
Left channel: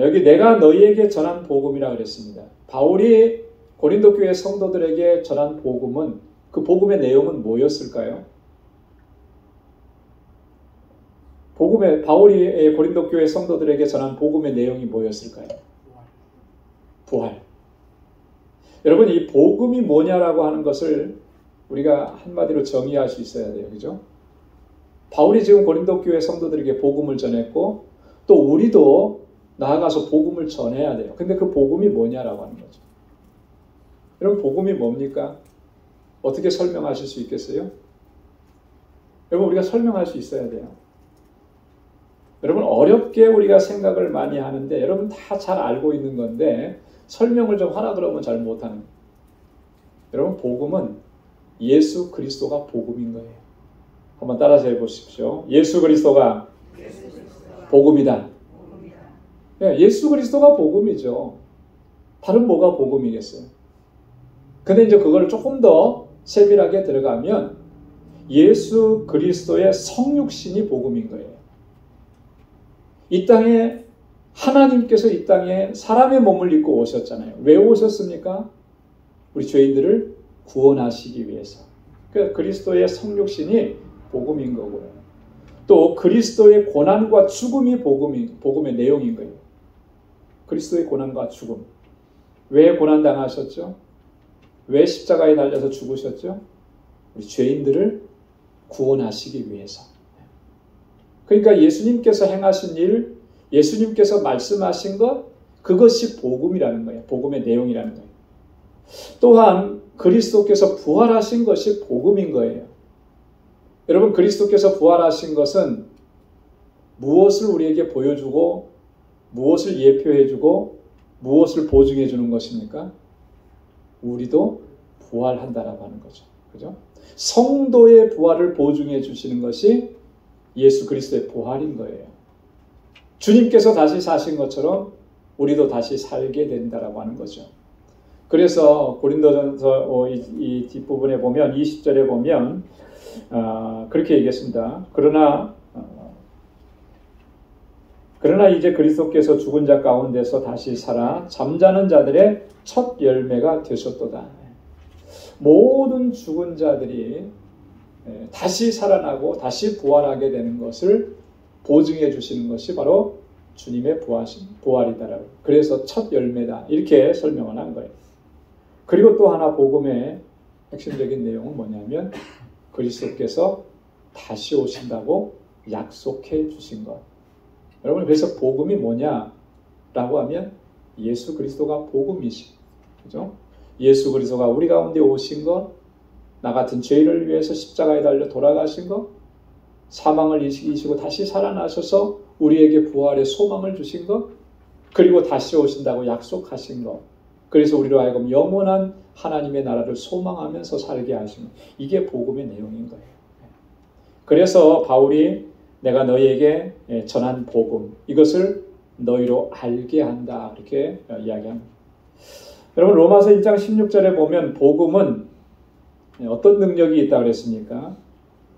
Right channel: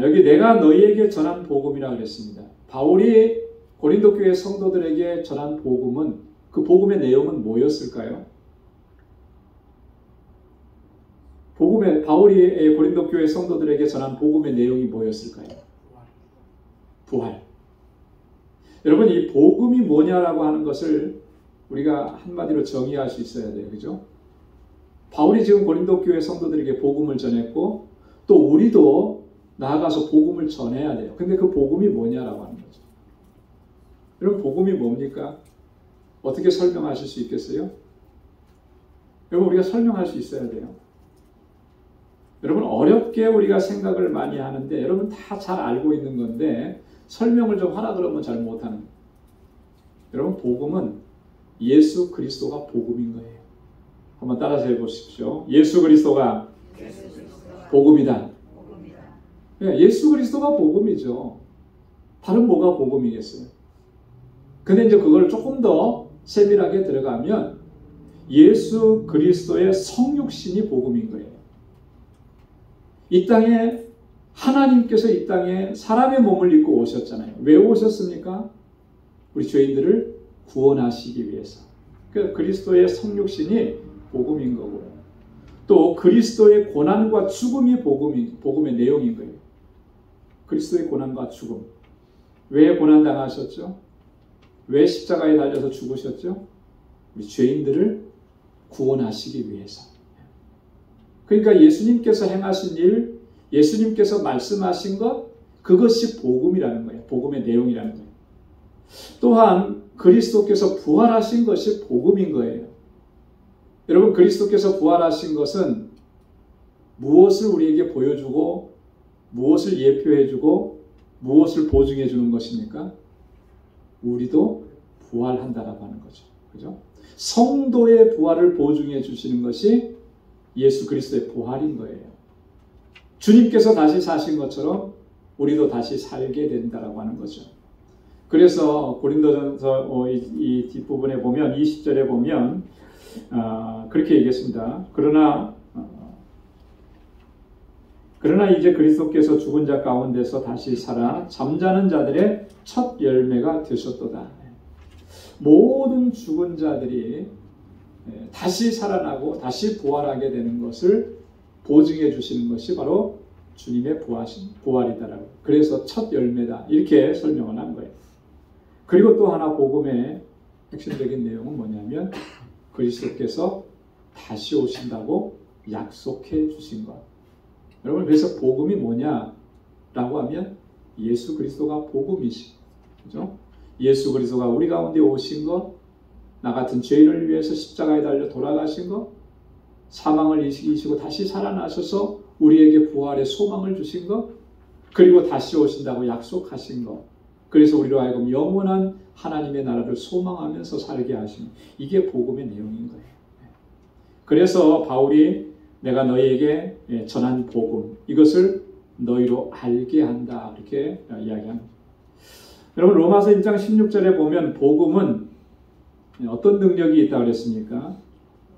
여기 내가 너희에게 전한 복음이라 그랬습니다. 바울이 고린도 교회 성도들에게 전한 복음은, 그 복음의 내용은 뭐였을까요? 바울이 고린도 교회 성도들에게 전한 복음의 내용이 뭐였을까요? 부활. 여러분, 이 복음이 뭐냐라고 하는 것을 우리가 한마디로 정의할 수 있어야 돼요. 그죠? 바울이 지금 고린도 교회 성도들에게 복음을 전했고 또 우리도 나아가서 복음을 전해야 돼요. 근데 그 복음이 뭐냐라고 하는 거죠. 여러분, 복음이 뭡니까? 어떻게 설명하실 수 있겠어요? 여러분, 우리가 설명할 수 있어야 돼요. 여러분, 어렵게 우리가 생각을 많이 하는데 여러분 다 잘 알고 있는 건데 설명을 좀 하라 그러면 잘 못하는 거예요. 여러분, 복음은 예수 그리스도가 복음인 거예요. 한번 따라서 해보십시오. 예수 그리스도가 복음이다. 네, 예수 그리스도가 복음이죠. 다른 뭐가 복음이겠어요? 근데 이제 그걸 조금 더 세밀하게 들어가면 예수 그리스도의 성육신이 복음인 거예요. 이 땅에 하나님께서 이 땅에 사람의 몸을 입고 오셨잖아요. 왜 오셨습니까? 우리 죄인들을 구원하시기 위해서. 그러니까 그리스도의 성육신이 복음인 거고요. 또 그리스도의 고난과 죽음이 복음의 내용인 거예요. 그리스도의 고난과 죽음. 왜 고난당하셨죠? 왜 십자가에 달려서 죽으셨죠? 우리 죄인들을 구원하시기 위해서. 그러니까 예수님께서 행하신 일, 예수님께서 말씀하신 것, 그것이 복음이라는 거예요. 복음의 내용이라는 거예요. 또한 그리스도께서 부활하신 것이 복음인 거예요. 여러분, 그리스도께서 부활하신 것은 무엇을 우리에게 보여주고 무엇을 예표해주고 무엇을 보증해주는 것입니까? 우리도 부활한다라고 하는 거죠. 그죠? 성도의 부활을 보증해 주시는 것이 예수 그리스도의 부활인 거예요. 주님께서 다시 사신 것처럼 우리도 다시 살게 된다라고 하는 거죠. 그래서 고린도전서 이 뒷부분에 보면 20절에 보면 그렇게 얘기했습니다. 그러나 이제 그리스도께서 죽은 자 가운데서 다시 살아 잠자는 자들의 첫 열매가 되셨도다. 모든 죽은 자들이 다시 살아나고 다시 부활하게 되는 것을 보증해 주시는 것이 바로 주님의 부활이다라고. 그래서 첫 열매다, 이렇게 설명을 한 거예요. 그리고 또 하나 복음의 핵심적인 내용은 뭐냐면 그리스도께서 다시 오신다고 약속해 주신 것. 여러분, 그래서 복음이 뭐냐라고 하면 예수 그리스도가 복음이시. 그죠? 예수 그리스도가 우리 가운데 오신 것, 나 같은 죄인을 위해서 십자가에 달려 돌아가신 것, 사망을 이기시고 다시 살아나셔서 우리에게 부활의 소망을 주신 것, 그리고 다시 오신다고 약속하신 것, 그래서 우리로 하여금 영원한 하나님의 나라를 소망하면서 살게 하시는, 이게 복음의 내용인 거예요. 그래서 바울이 내가 너희에게 전한 복음, 이것을 너희로 알게 한다, 이렇게 이야기합니다. 여러분, 로마서 1장 16절에 보면 복음은 어떤 능력이 있다고 그랬습니까?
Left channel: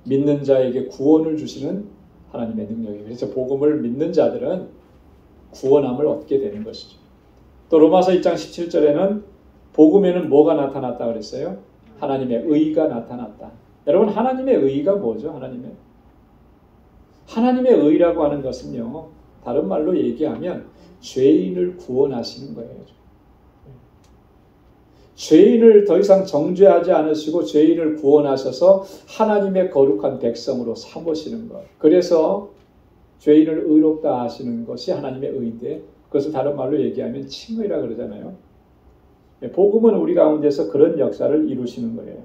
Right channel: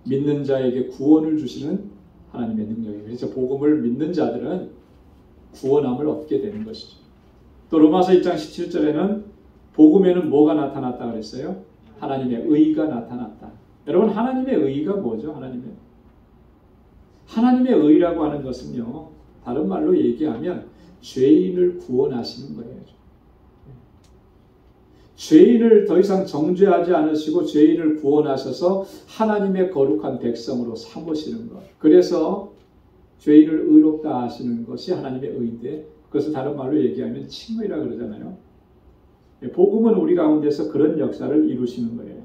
믿는 자에게 구원을 주시는 하나님의 능력이에요. 그래서 복음을 믿는 자들은 구원함을 얻게 되는 것이죠. 또 로마서 1장 17절에는 복음에는 뭐가 나타났다 그랬어요? 하나님의 의가 나타났다. 여러분, 하나님의 의가 뭐죠? 하나님의 의라고 하는 것은요, 다른 말로 얘기하면 죄인을 구원하시는 거예요. 죄인을 더 이상 정죄하지 않으시고 죄인을 구원하셔서 하나님의 거룩한 백성으로 삼으시는 것. 그래서 죄인을 의롭다 하시는 것이 하나님의 의인데, 그것을 다른 말로 얘기하면 칭의라 그러잖아요. 복음은 우리 가운데서 그런 역사를 이루시는 거예요.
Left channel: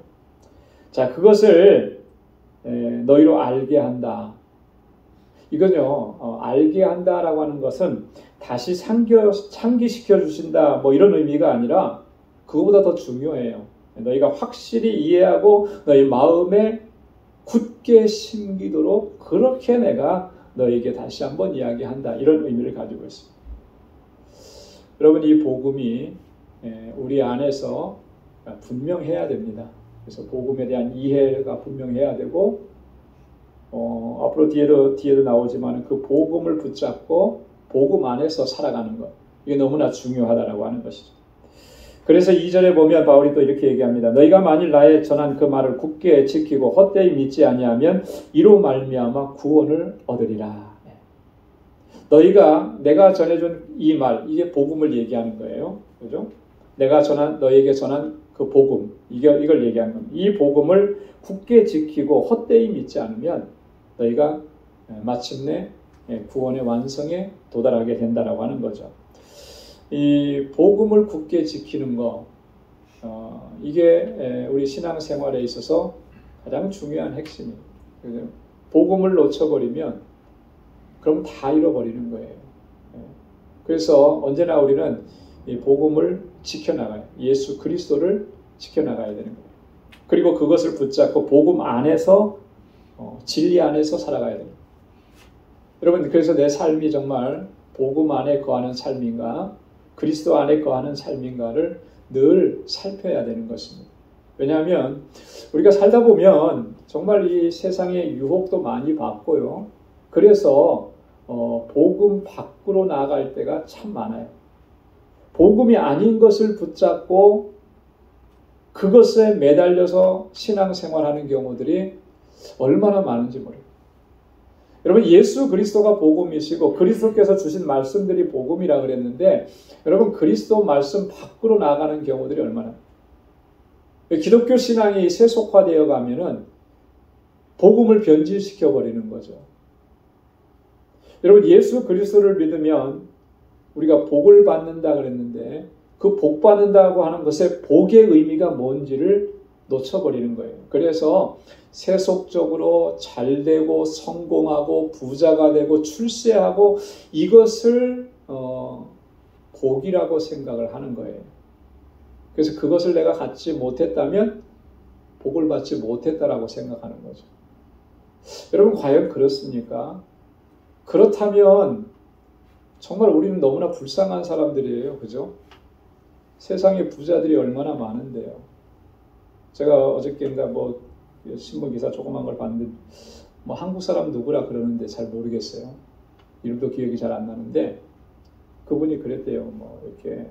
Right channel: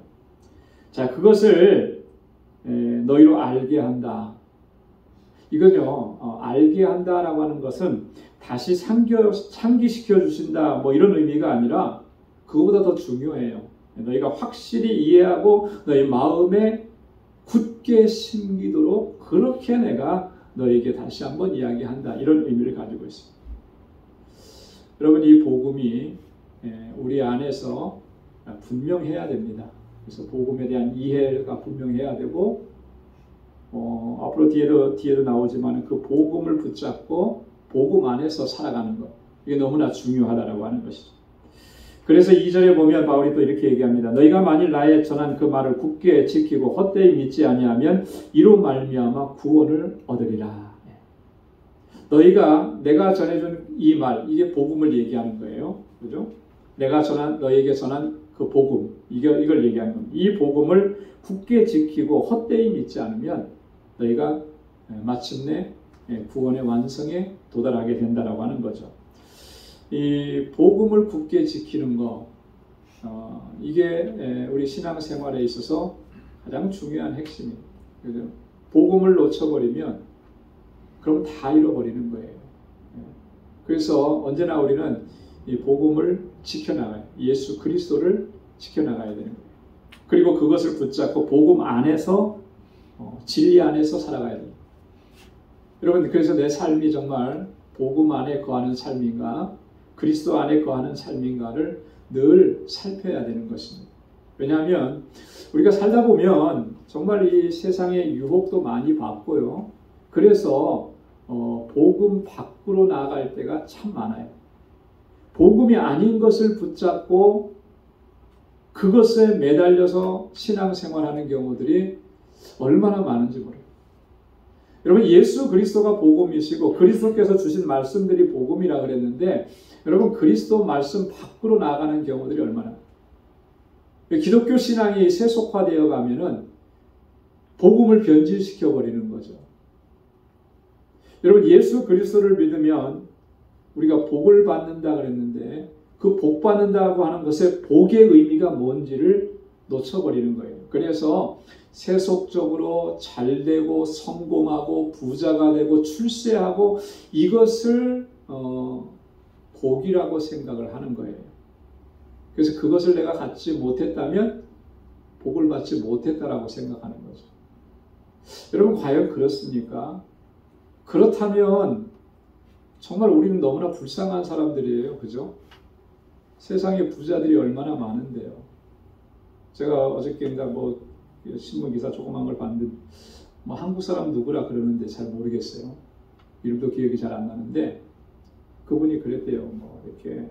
자, 그것을 너희로 알게 한다. 이건요, 알게 한다라고 하는 것은 다시 상기시켜 주신다, 뭐 이런 의미가 아니라 그거보다 더 중요해요. 너희가 확실히 이해하고 너희 마음에 굳게 심기도록 그렇게 내가 너희에게 다시 한번 이야기한다, 이런 의미를 가지고 있습니다. 여러분, 이 복음이 우리 안에서 분명해야 됩니다. 그래서 복음에 대한 이해가 분명해야 되고, 앞으로 뒤에도 나오지만 그 복음을 붙잡고 복음 안에서 살아가는 것, 이게 너무나 중요하다라고 하는 것이죠. 그래서 2절에 보면 바울이 또 이렇게 얘기합니다. 너희가 만일 나의 전한 그 말을 굳게 지키고 헛되이 믿지 아니하면 이로 말미암아 구원을 얻으리라. 내가 전해준 이 말, 이게 복음을 얘기하는 거예요. 그죠? 너희에게 전한 그 복음, 이걸 얘기하는 겁니다. 이 복음을 굳게 지키고 헛되이 믿지 않으면 너희가 마침내 구원의 완성에 도달하게 된다라고 하는 거죠. 이 복음을 굳게 지키는 거, 이게 우리 신앙생활에 있어서 가장 중요한 핵심입니다. 복음을 놓쳐버리면 그럼 다 잃어버리는 거예요. 그래서 언제나 우리는 이 복음을 지켜나가요. 예수 그리스도를 지켜나가야 되는 거예요. 그리고 그것을 붙잡고 복음 안에서, 진리 안에서 살아가야 됩니다. 여러분, 그래서 내 삶이 정말 복음 안에 거하는 삶인가, 그리스도 안에 거하는 삶인가를 늘 살펴야 되는 것입니다. 왜냐하면 우리가 살다 보면 정말 이 세상의 유혹도 많이 받고요. 그래서 복음 밖으로 나아갈 때가 참 많아요. 복음이 아닌 것을 붙잡고 그것에 매달려서 신앙생활하는 경우들이 얼마나 많은지 모르겠어요. 여러분, 예수 그리스도가 복음이시고 그리스도께서 주신 말씀들이 복음이라 그랬는데, 여러분, 그리스도 말씀 밖으로 나가는 경우들이 얼마나, 기독교 신앙이 세속화되어 가면은 복음을 변질시켜 버리는 거죠. 여러분, 예수 그리스도를 믿으면 우리가 복을 받는다 그랬는데, 그 복 받는다고 하는 것의 복의 의미가 뭔지를 놓쳐버리는 거예요. 그래서 세속적으로 잘되고 성공하고 부자가 되고 출세하고 이것을 복이라고 생각을 하는 거예요. 그래서 그것을 내가 갖지 못했다면 복을 받지 못했다라고 생각하는 거죠. 여러분, 과연 그렇습니까? 그렇다면 정말 우리는 너무나 불쌍한 사람들이에요. 그죠? 세상에 부자들이 얼마나 많은데요. 제가 어저께인가 신문 기사 조그만 걸 봤는데, 한국 사람 누구라 그러는데 잘 모르겠어요. 이름도 기억이 잘 안 나는데, 그분이 그랬대요. 이렇게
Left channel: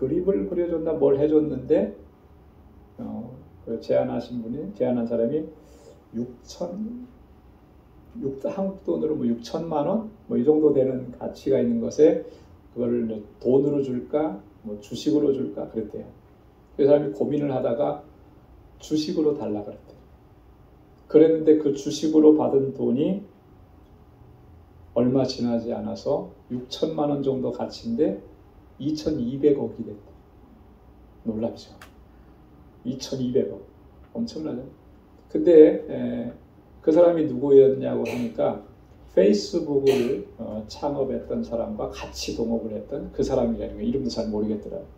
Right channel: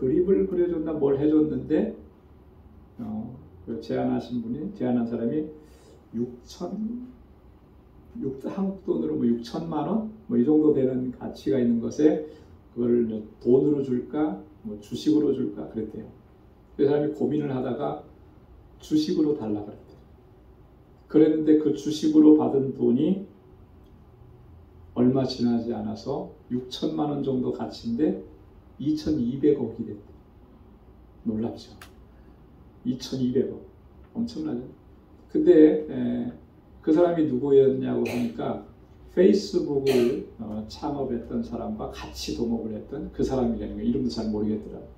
그림을 그려줬나 뭘 해줬는데, 제안한 사람이 한국 돈으로 6천만 원? 이 정도 되는 가치가 있는 것에 그걸 돈으로 줄까? 주식으로 줄까? 그랬대요. 그 사람이 고민을 하다가 주식으로 달라 그랬대요. 그랬는데 그 주식으로 받은 돈이 얼마 지나지 않아서 6천만 원 정도 가치인데 2,200억이 됐다. 놀랍죠? 2,200억. 엄청나죠? 근데 그 사람이 누구였냐고 하니까 페이스북을 창업했던 사람과 같이 동업을 했던 그 사람이라는 거예요. 이름도 잘 모르겠더라고요.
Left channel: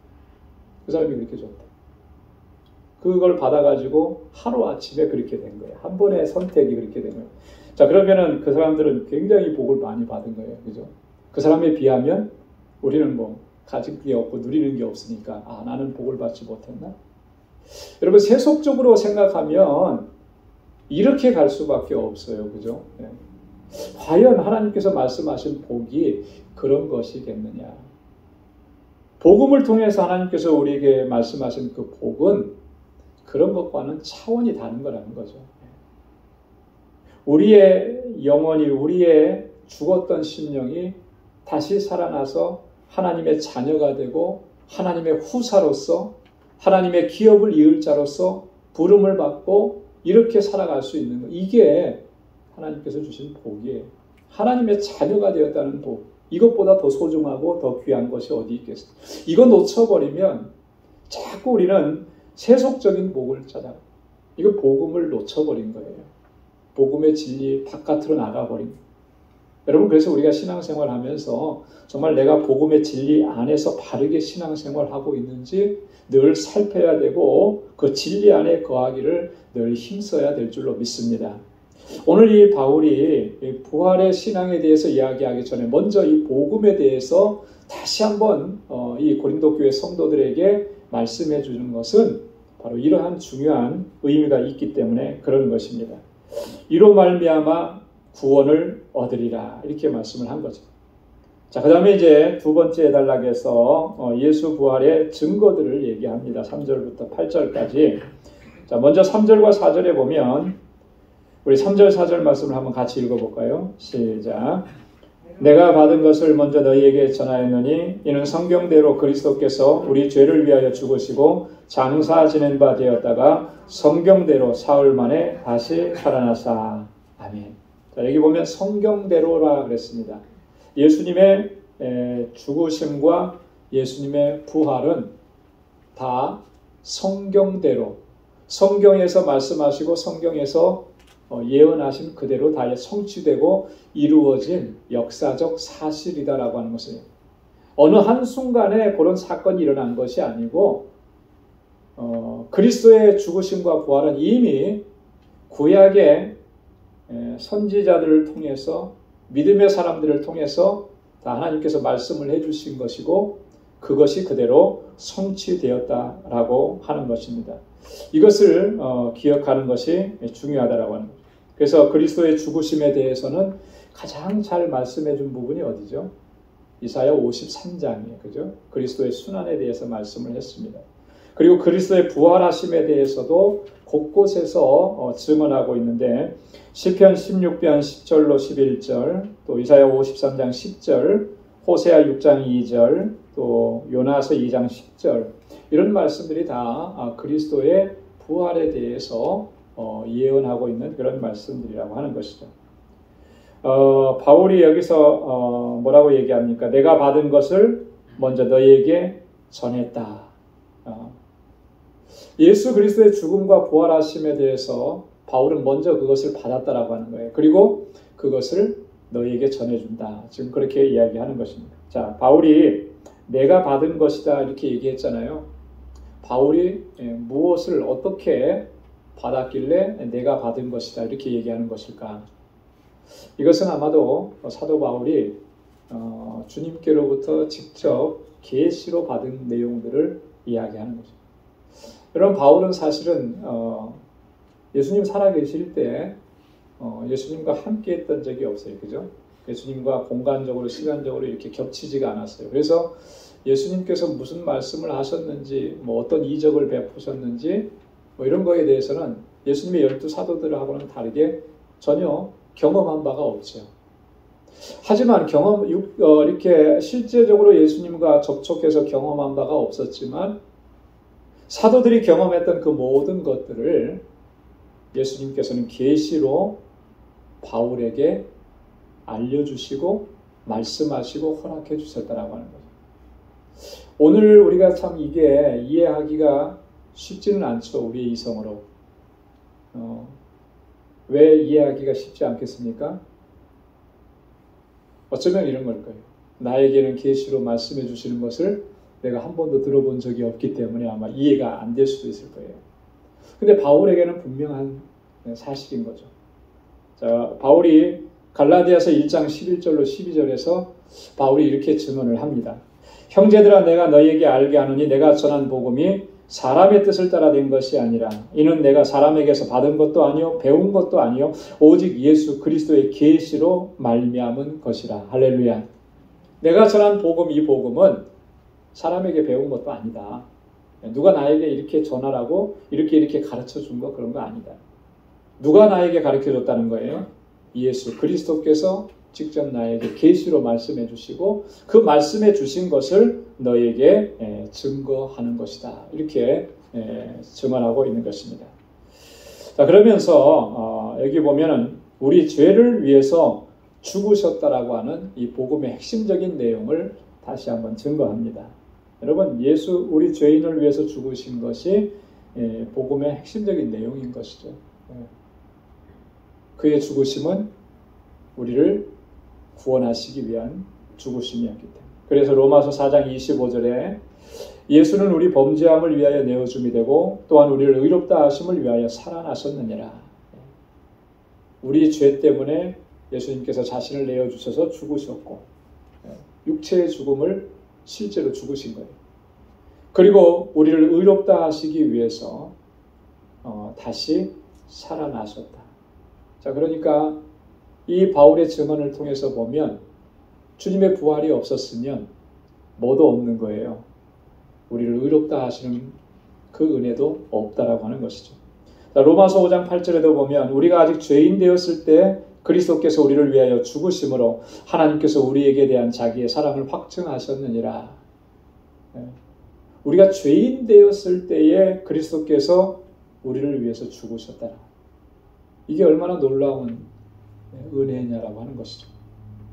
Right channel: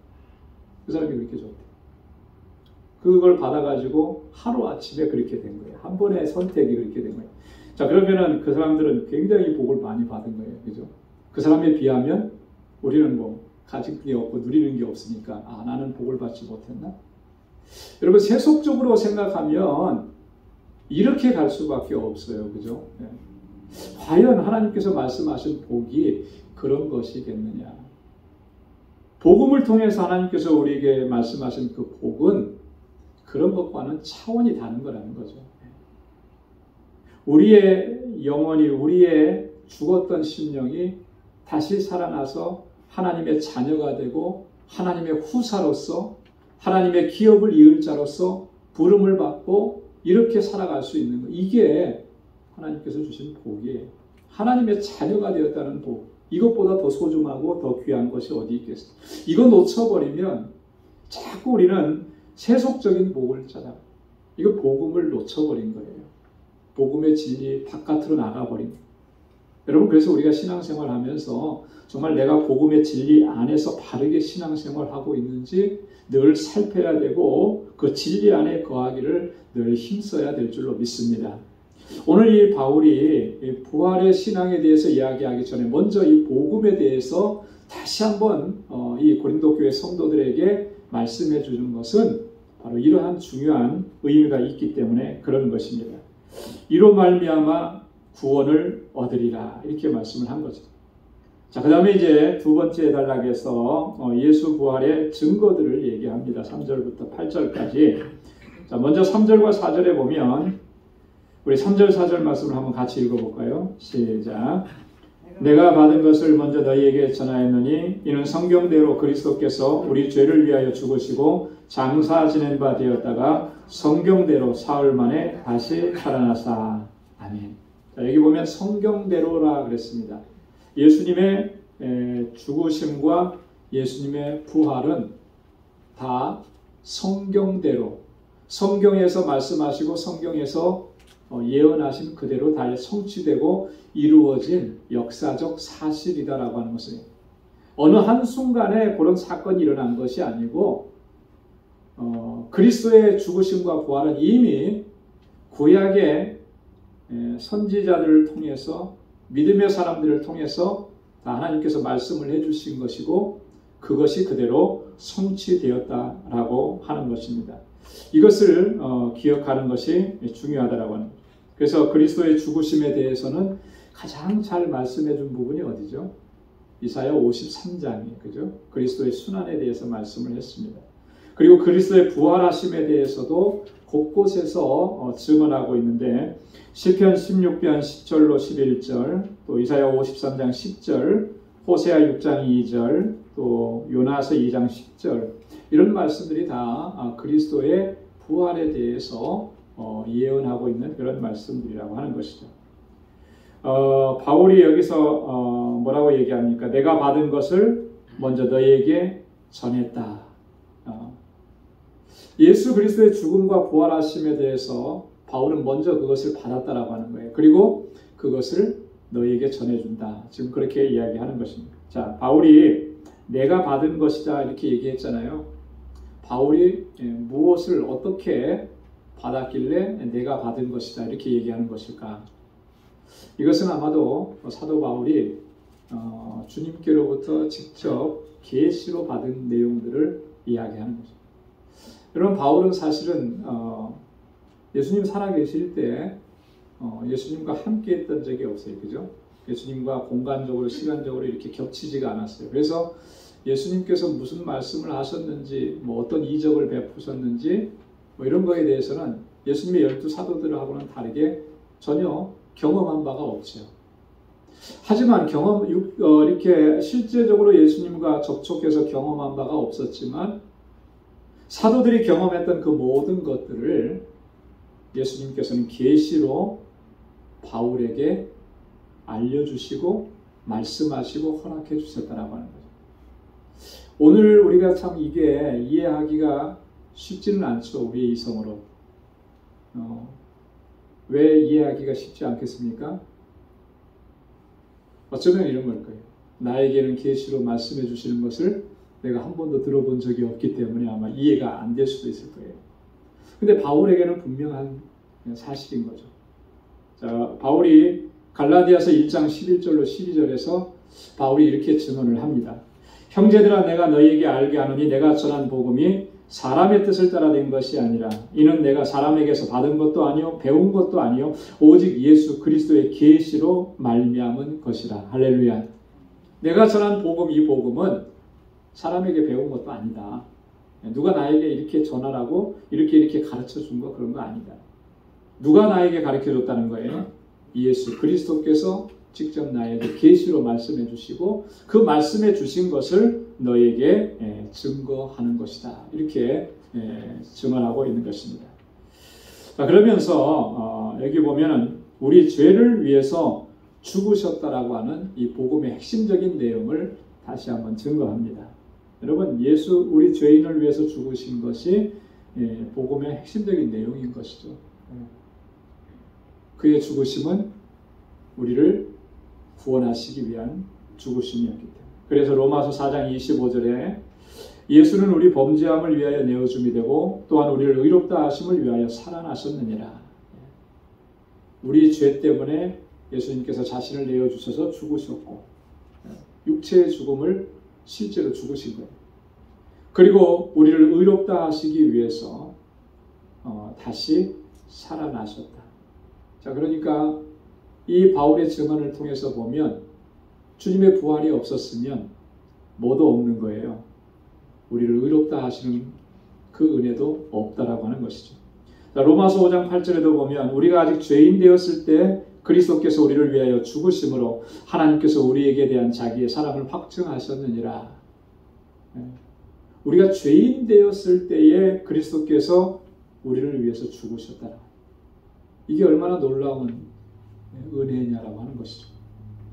그 사람이 그렇게 줬대. 그걸 받아가지고 하루아침에 그렇게 된 거예요. 한 번의 선택이 그렇게 된 거예요. 자, 그러면은 그 사람들은 굉장히 복을 많이 받은 거예요. 그죠? 그 사람에 비하면 우리는 뭐 가진 게 없고 누리는 게 없으니까 나는 복을 받지 못했나? 여러분 세속적으로 생각하면 이렇게 갈 수밖에 없어요. 그죠? 네. 과연 하나님께서 말씀하신 복이 그런 것이겠느냐? 복음을 통해서 하나님께서 우리에게 말씀하신 그 복은 그런 것과는 차원이 다른 거라는 거죠. 우리의 영혼이, 우리의 죽었던 심령이 다시 살아나서 하나님의 자녀가 되고 하나님의 후사로서 하나님의 기업을 이을 자로서 부름을 받고 이렇게 살아갈 수 있는 것. 이게 하나님께서 주신 복이에요. 하나님의 자녀가 되었다는 복. 이것보다 더 소중하고 더 귀한 것이 어디 있겠어요. 이거 놓쳐버리면 자꾸 우리는 세속적인 복을 찾아. 이거 복음을 놓쳐버린 거예요. 복음의 진리 바깥으로 나가버린 거예요. 여러분 그래서 우리가 신앙생활 하면서 정말 내가 복음의 진리 안에서 바르게 신앙생활하고 있는지 늘 살펴야 되고 그 진리 안에 거하기를 늘 힘써야 될 줄로 믿습니다. 오늘 이 바울이 부활의 신앙에 대해서 이야기하기 전에 먼저 이 복음에 대해서 다시 한번 이 고린도 교회 성도들에게 말씀해 주는 것은 바로 이러한 중요한 의미가 있기 때문에 그런 것입니다. 이로 말미암아 구원을 얻으리라 이렇게 말씀을 한 거죠. 자, 그 다음에 이제 두 번째 단락에서 예수 부활의 증거들을 얘기합니다. 3절부터 8절까지. 자, 먼저 3절과 4절에 보면 우리 3절 4절 말씀을 한번 같이 읽어볼까요? 시작. 내가 받은 것을 먼저 너희에게 전하였느니 이는 성경대로 그리스도께서 우리 죄를 위하여 죽으시고 장사 지낸 바 되었다가 성경대로 사흘 만에 다시 살아나사. 아멘. 자, 여기 보면 성경대로라 그랬습니다. 예수님의 죽으심과 예수님의 부활은 다 성경대로, 성경에서 말씀하시고 성경에서 예언하신 그대로 다 성취되고 이루어진 역사적 사실이다라고 하는 것을 어느 한순간에 그런 사건이 일어난 것이 아니고 그리스도의 죽으심과 부활은 이미 구약의 선지자들을 통해서 믿음의 사람들을 통해서 다 하나님께서 말씀을 해주신 것이고 그것이 그대로 성취되었다라고 하는 것입니다. 이것을 기억하는 것이 중요하다라고 하는 거죠. 그래서 그리스도의 죽으심에 대해서는 가장 잘 말씀해 준 부분이 어디죠? 이사야 53장이에요. 그죠? 그리스도의 순환에 대해서 말씀을 했습니다. 그리고 그리스도의 부활하심에 대해서도 곳곳에서 증언하고 있는데 시편 16편 10절로 11절, 또 이사야 53장 10절, 호세아 6장 2절, 또 요나서 2장 10절 이런 말씀들이 다 그리스도의 부활에 대해서 예언하고 있는 그런 말씀들이라고 하는 것이죠. 바울이 여기서 뭐라고 얘기합니까? 내가 받은 것을 먼저 너희에게 전했다. 예수 그리스도의 죽음과 부활하심에 대해서 바울은 먼저 그것을 받았다라고 하는 거예요. 그리고 그것을 너희에게 전해준다. 지금 그렇게 이야기하는 것입니다. 자, 바울이 내가 받은 것이다 이렇게 얘기했잖아요. 바울이 무엇을 어떻게 받았길래 내가 받은 것이다 이렇게 얘기하는 것일까? 이것은 아마도 사도 바울이 주님께로부터 직접 계시로 받은 내용들을 이야기하는 거죠. 여러분 바울은 사실은 예수님 살아계실 때 예수님과 함께 했던 적이 없어요. 그죠? 예수님과 공간적으로 시간적으로 이렇게 겹치지가 않았어요. 그래서 예수님께서 무슨 말씀을 하셨는지 뭐 어떤 이적을 베푸셨는지 뭐 이런 거에 대해서는 예수님의 12사도들하고는 다르게 전혀 경험한 바가 없죠. 하지만 이렇게 실제적으로 예수님과 접촉해서 경험한 바가 없었지만 사도들이 경험했던 그 모든 것들을 예수님께서는 계시로 바울에게 알려주시고 말씀하시고 허락해 주셨다라고 하는 거죠. 오늘 우리가 참 이게 이해하기가 쉽지는 않죠. 우리의 이성으로. 왜 이해하기가 쉽지 않겠습니까? 어쩌면 이런 걸 거예요. 나에게는 계시로 말씀해 주시는 것을 내가 한 번도 들어본 적이 없기 때문에 아마 이해가 안 될 수도 있을 거예요. 근데 바울에게는 분명한 사실인 거죠. 자, 바울이 갈라디아서 1장 11절로 12절에서 바울이 이렇게 증언을 합니다. 형제들아 내가 너희에게 알게 하노니 내가 전한 복음이 사람의 뜻을 따라 된 것이 아니라 이는 내가 사람에게서 받은 것도 아니요 배운 것도 아니요 오직 예수 그리스도의 계시로 말미암은 것이라. 할렐루야. 내가 전한 복음, 이 복음은 사람에게 배운 것도 아니다. 누가 나에게 이렇게 전하라고 이렇게 가르쳐 준 거 그런 거 아니다. 누가 나에게 가르쳐 줬다는 거예요? 예수 그리스도께서 직접 나에게 계시로 말씀해 주시고 그 말씀해 주신 것을 너에게 증거하는 것이다. 이렇게 증언하고 있는 것입니다. 자, 그러면서 여기 보면은 우리 죄를 위해서 죽으셨다라고 하는 이 복음의 핵심적인 내용을 다시 한번 증거합니다. 여러분, 예수 우리 죄인을 위해서 죽으신 것이 복음의 핵심적인 내용인 것이죠. 그의 죽으심은 우리를 구원하시기 위한 죽으심이었기 때문에. 그래서 로마서 4장 25절에 예수는 우리 범죄함을 위하여 내어줌이 되고 또한 우리를 의롭다 하심을 위하여 살아나셨느니라. 우리 죄 때문에 예수님께서 자신을 내어주셔서 죽으셨고 육체의 죽음을 실제로 죽으신 거예요. 그리고 우리를 의롭다 하시기 위해서 다시 살아나셨다. 자, 그러니까 이 바울의 증언을 통해서 보면 주님의 부활이 없었으면 뭐도 없는 거예요. 우리를 의롭다 하시는 그 은혜도 없다라고 하는 것이죠. 자, 로마서 5장 8절에도 보면 우리가 아직 죄인 되었을 때 그리스도께서 우리를 위하여 죽으심으로 하나님께서 우리에게 대한 자기의 사랑을 확증하셨느니라. 우리가 죄인 되었을 때에 그리스도께서 우리를 위해서 죽으셨다. 이게 얼마나 놀라운 은혜냐라고 하는 것이죠.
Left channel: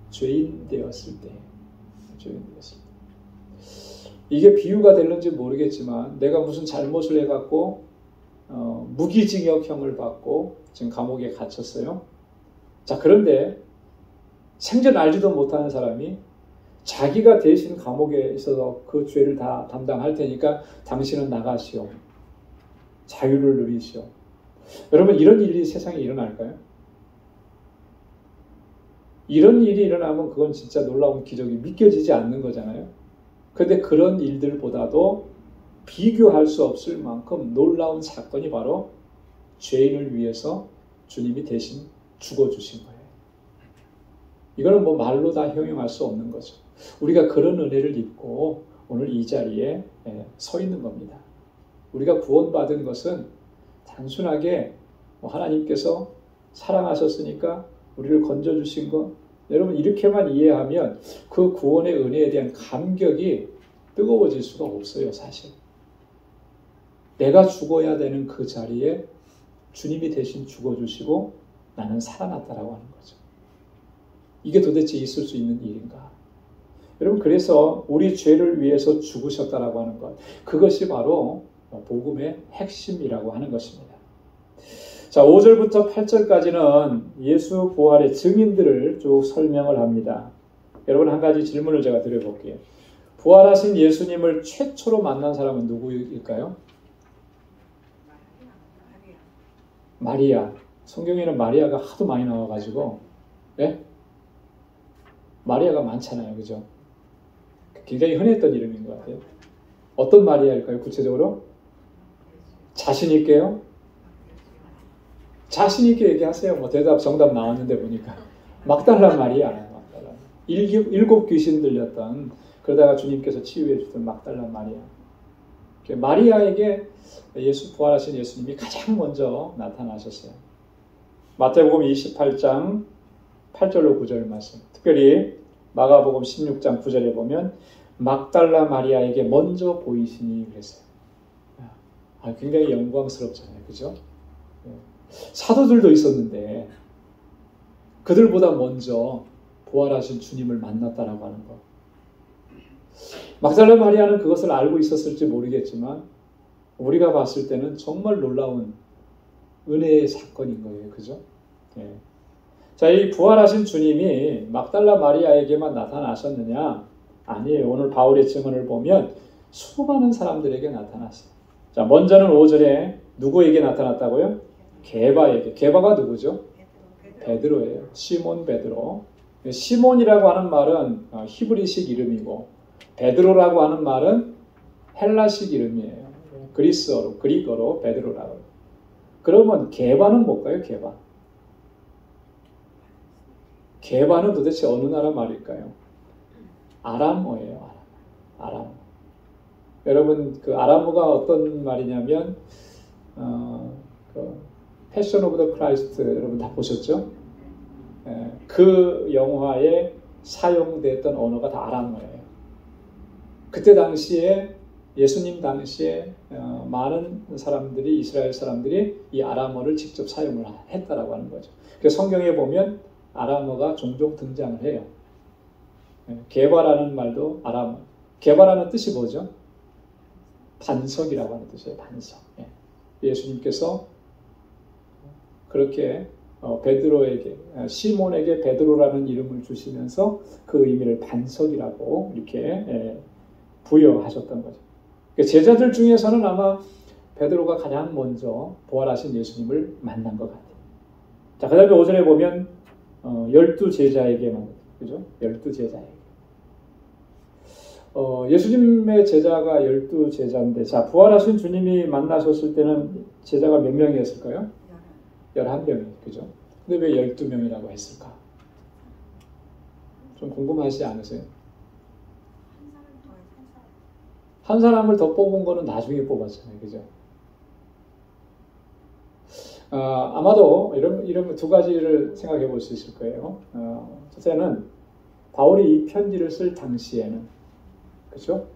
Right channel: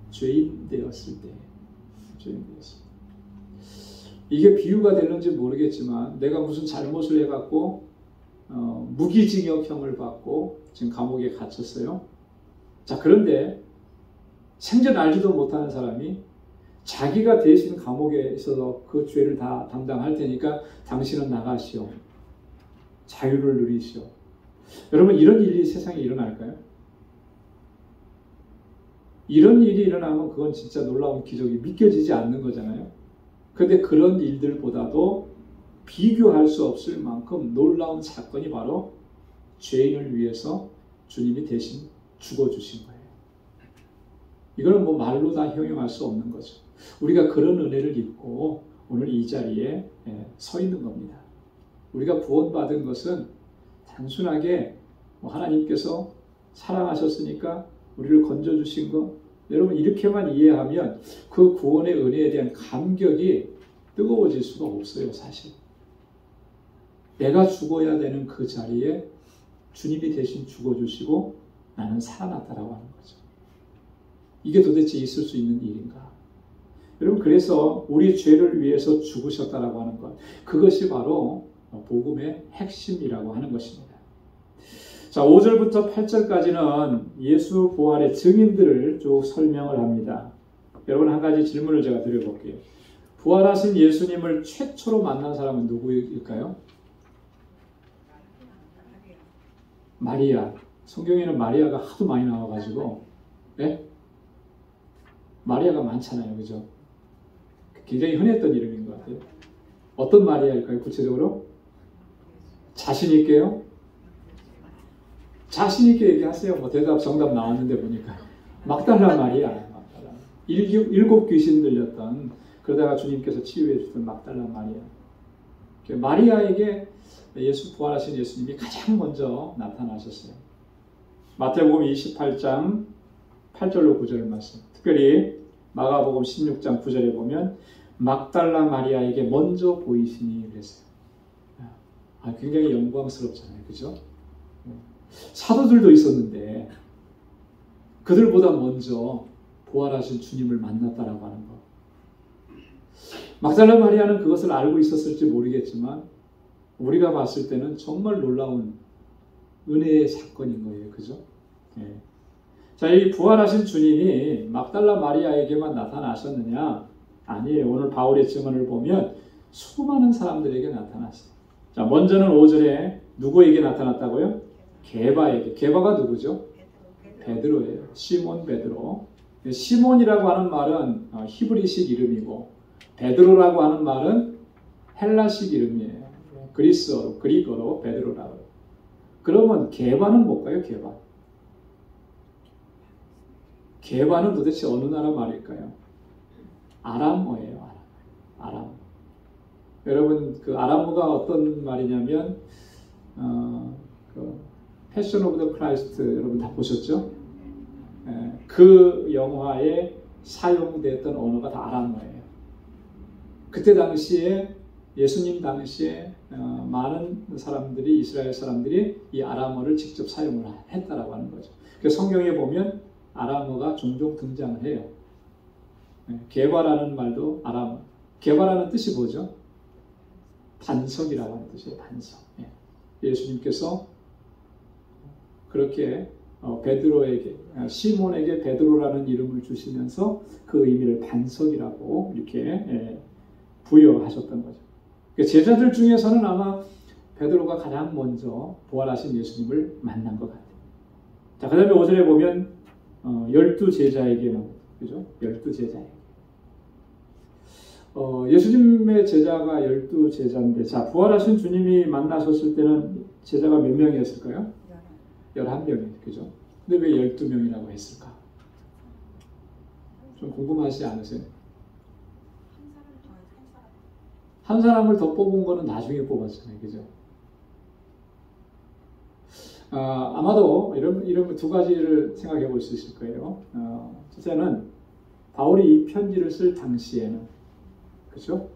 죄인 되었을 때. 이게 비유가 되는지 모르겠지만 내가 무슨 잘못을 해갖고 무기징역형을 받고 지금 감옥에 갇혔어요. 자, 그런데 생전 알지도 못하는 사람이 자기가 대신 감옥에 있어서 그 죄를 다 담당할 테니까 당신은 나가시오. 자유를 누리시오. 여러분, 이런 일이 세상에 일어날까요? 이런 일이 일어나면 그건 진짜 놀라운 기적이 믿겨지지 않는 거잖아요. 그런데 그런 일들보다도 비교할 수 없을 만큼 놀라운 사건이 바로 죄인을 위해서 주님이 대신 죽어주신 거예요. 이거는 뭐 말로 다 형용할 수 없는 거죠. 우리가 그런 은혜를 입고 오늘 이 자리에 서 있는 겁니다. 우리가 구원받은 것은 단순하게 하나님께서 사랑하셨으니까 우리를 건져주신 것, 여러분 이렇게만 이해하면 그 구원의 은혜에 대한 감격이 뜨거워질 수가 없어요. 사실 내가 죽어야 되는 그 자리에 주님이 대신 죽어주시고 나는 살아났다라고 하는 거죠. 이게 도대체 있을 수 있는 일인가? 여러분, 그래서 우리 죄를 위해서 죽으셨다라고 하는 것, 그것이 바로 복음의 핵심이라고 하는 것입니다. 자, 5절부터 8절까지는 예수 부활의 증인들을 쭉 설명을 합니다. 여러분, 한 가지 질문을 제가 드려볼게요. 부활하신 예수님을 최초로 만난 사람은 누구일까요? 마리아. 성경에는 마리아가 하도 많이 나와가지고, 네? 마리아가 많잖아요. 그죠? 굉장히 흔했던 이름인 것 같아요. 어떤 마리아일까요? 구체적으로? 자신 있게요? 자신 있게 얘기하세요. 뭐 대답 정답 나왔는데 보니까 막달라 마리아. 일곱 귀신 들렸던, 그러다가 주님께서 치유해 주던 막달라 마리아. 마리아에게 예수 부활하신 예수님이 가장 먼저 나타나셨어요. 마태복음 28장 8절로 9절 말씀. 특별히 마가복음 16장 9절에 보면 막달라 마리아에게 먼저 보이시니 그랬어요. 굉장히 영광스럽잖아요. 그죠? 사도들도 있었는데 그들보다 먼저 부활하신 주님을 만났다라고 하는 것. 막달라 마리아는 그것을 알고 있었을지 모르겠지만 우리가 봤을 때는 정말 놀라운 은혜의 사건인 거예요. 그죠? 예. 자, 이 부활하신 주님이 막달라 마리아에게만 나타나셨느냐? 아니에요. 오늘 바울의 증언을 보면 수많은 사람들에게 나타났어요. 자, 먼저는 5절에 누구에게 나타났다고요? 게바에게. 게바가 누구죠? 베드로예요. 시몬 베드로. 시몬이라고 하는 말은 히브리식 이름이고 베드로라고 하는 말은 헬라식 이름이에요. 그리스어로 베드로라고. 그러면 게바는 뭘까요? 게바는 도대체 어느 나라 말일까요? 아람어예요. 아람. 여러분 그 아람어가 어떤 말이냐면 패션 오브 더 크라이스트 여러분 다 보셨죠? 그 영화에 사용됐던 언어가 다 아람어예요. 그때 당시에 예수님 당시에 많은 사람들이 이스라엘 사람들이 이 아람어를 직접 사용을 했다라고 하는 거죠. 그래서 성경에 보면 아람어가 종종 등장을 해요. 게바라는 말도 아람어. 게바라는 뜻이 뭐죠? 반석이라고 하는 뜻이에요. 반석. 예수님께서 그렇게 베드로에게 시몬에게 베드로라는 이름을 주시면서 그 의미를 반석이라고 이렇게 부여하셨던 거죠. 제자들 중에서는 아마 베드로가 가장 먼저 부활하신 예수님을 만난 것 같아요. 자, 그 다음에 5절에 보면 12제자에게만, 그죠? 12제자에게. 예수님의 제자가 12제자인데, 자, 부활하신 주님이 만나셨을 때는 제자가 몇 명이었을까요? 11명이에요. 그죠? 근데 왜 12명이라고 했을까? 좀 궁금하지 않으세요? 한 사람을 더 뽑은 거는 나중에 뽑았잖아요. 그죠? 아마도 이런 두 가지를 생각해 볼 수 있을 거예요. 첫째는 바울이 이 편지를 쓸 당시에는, 그죠?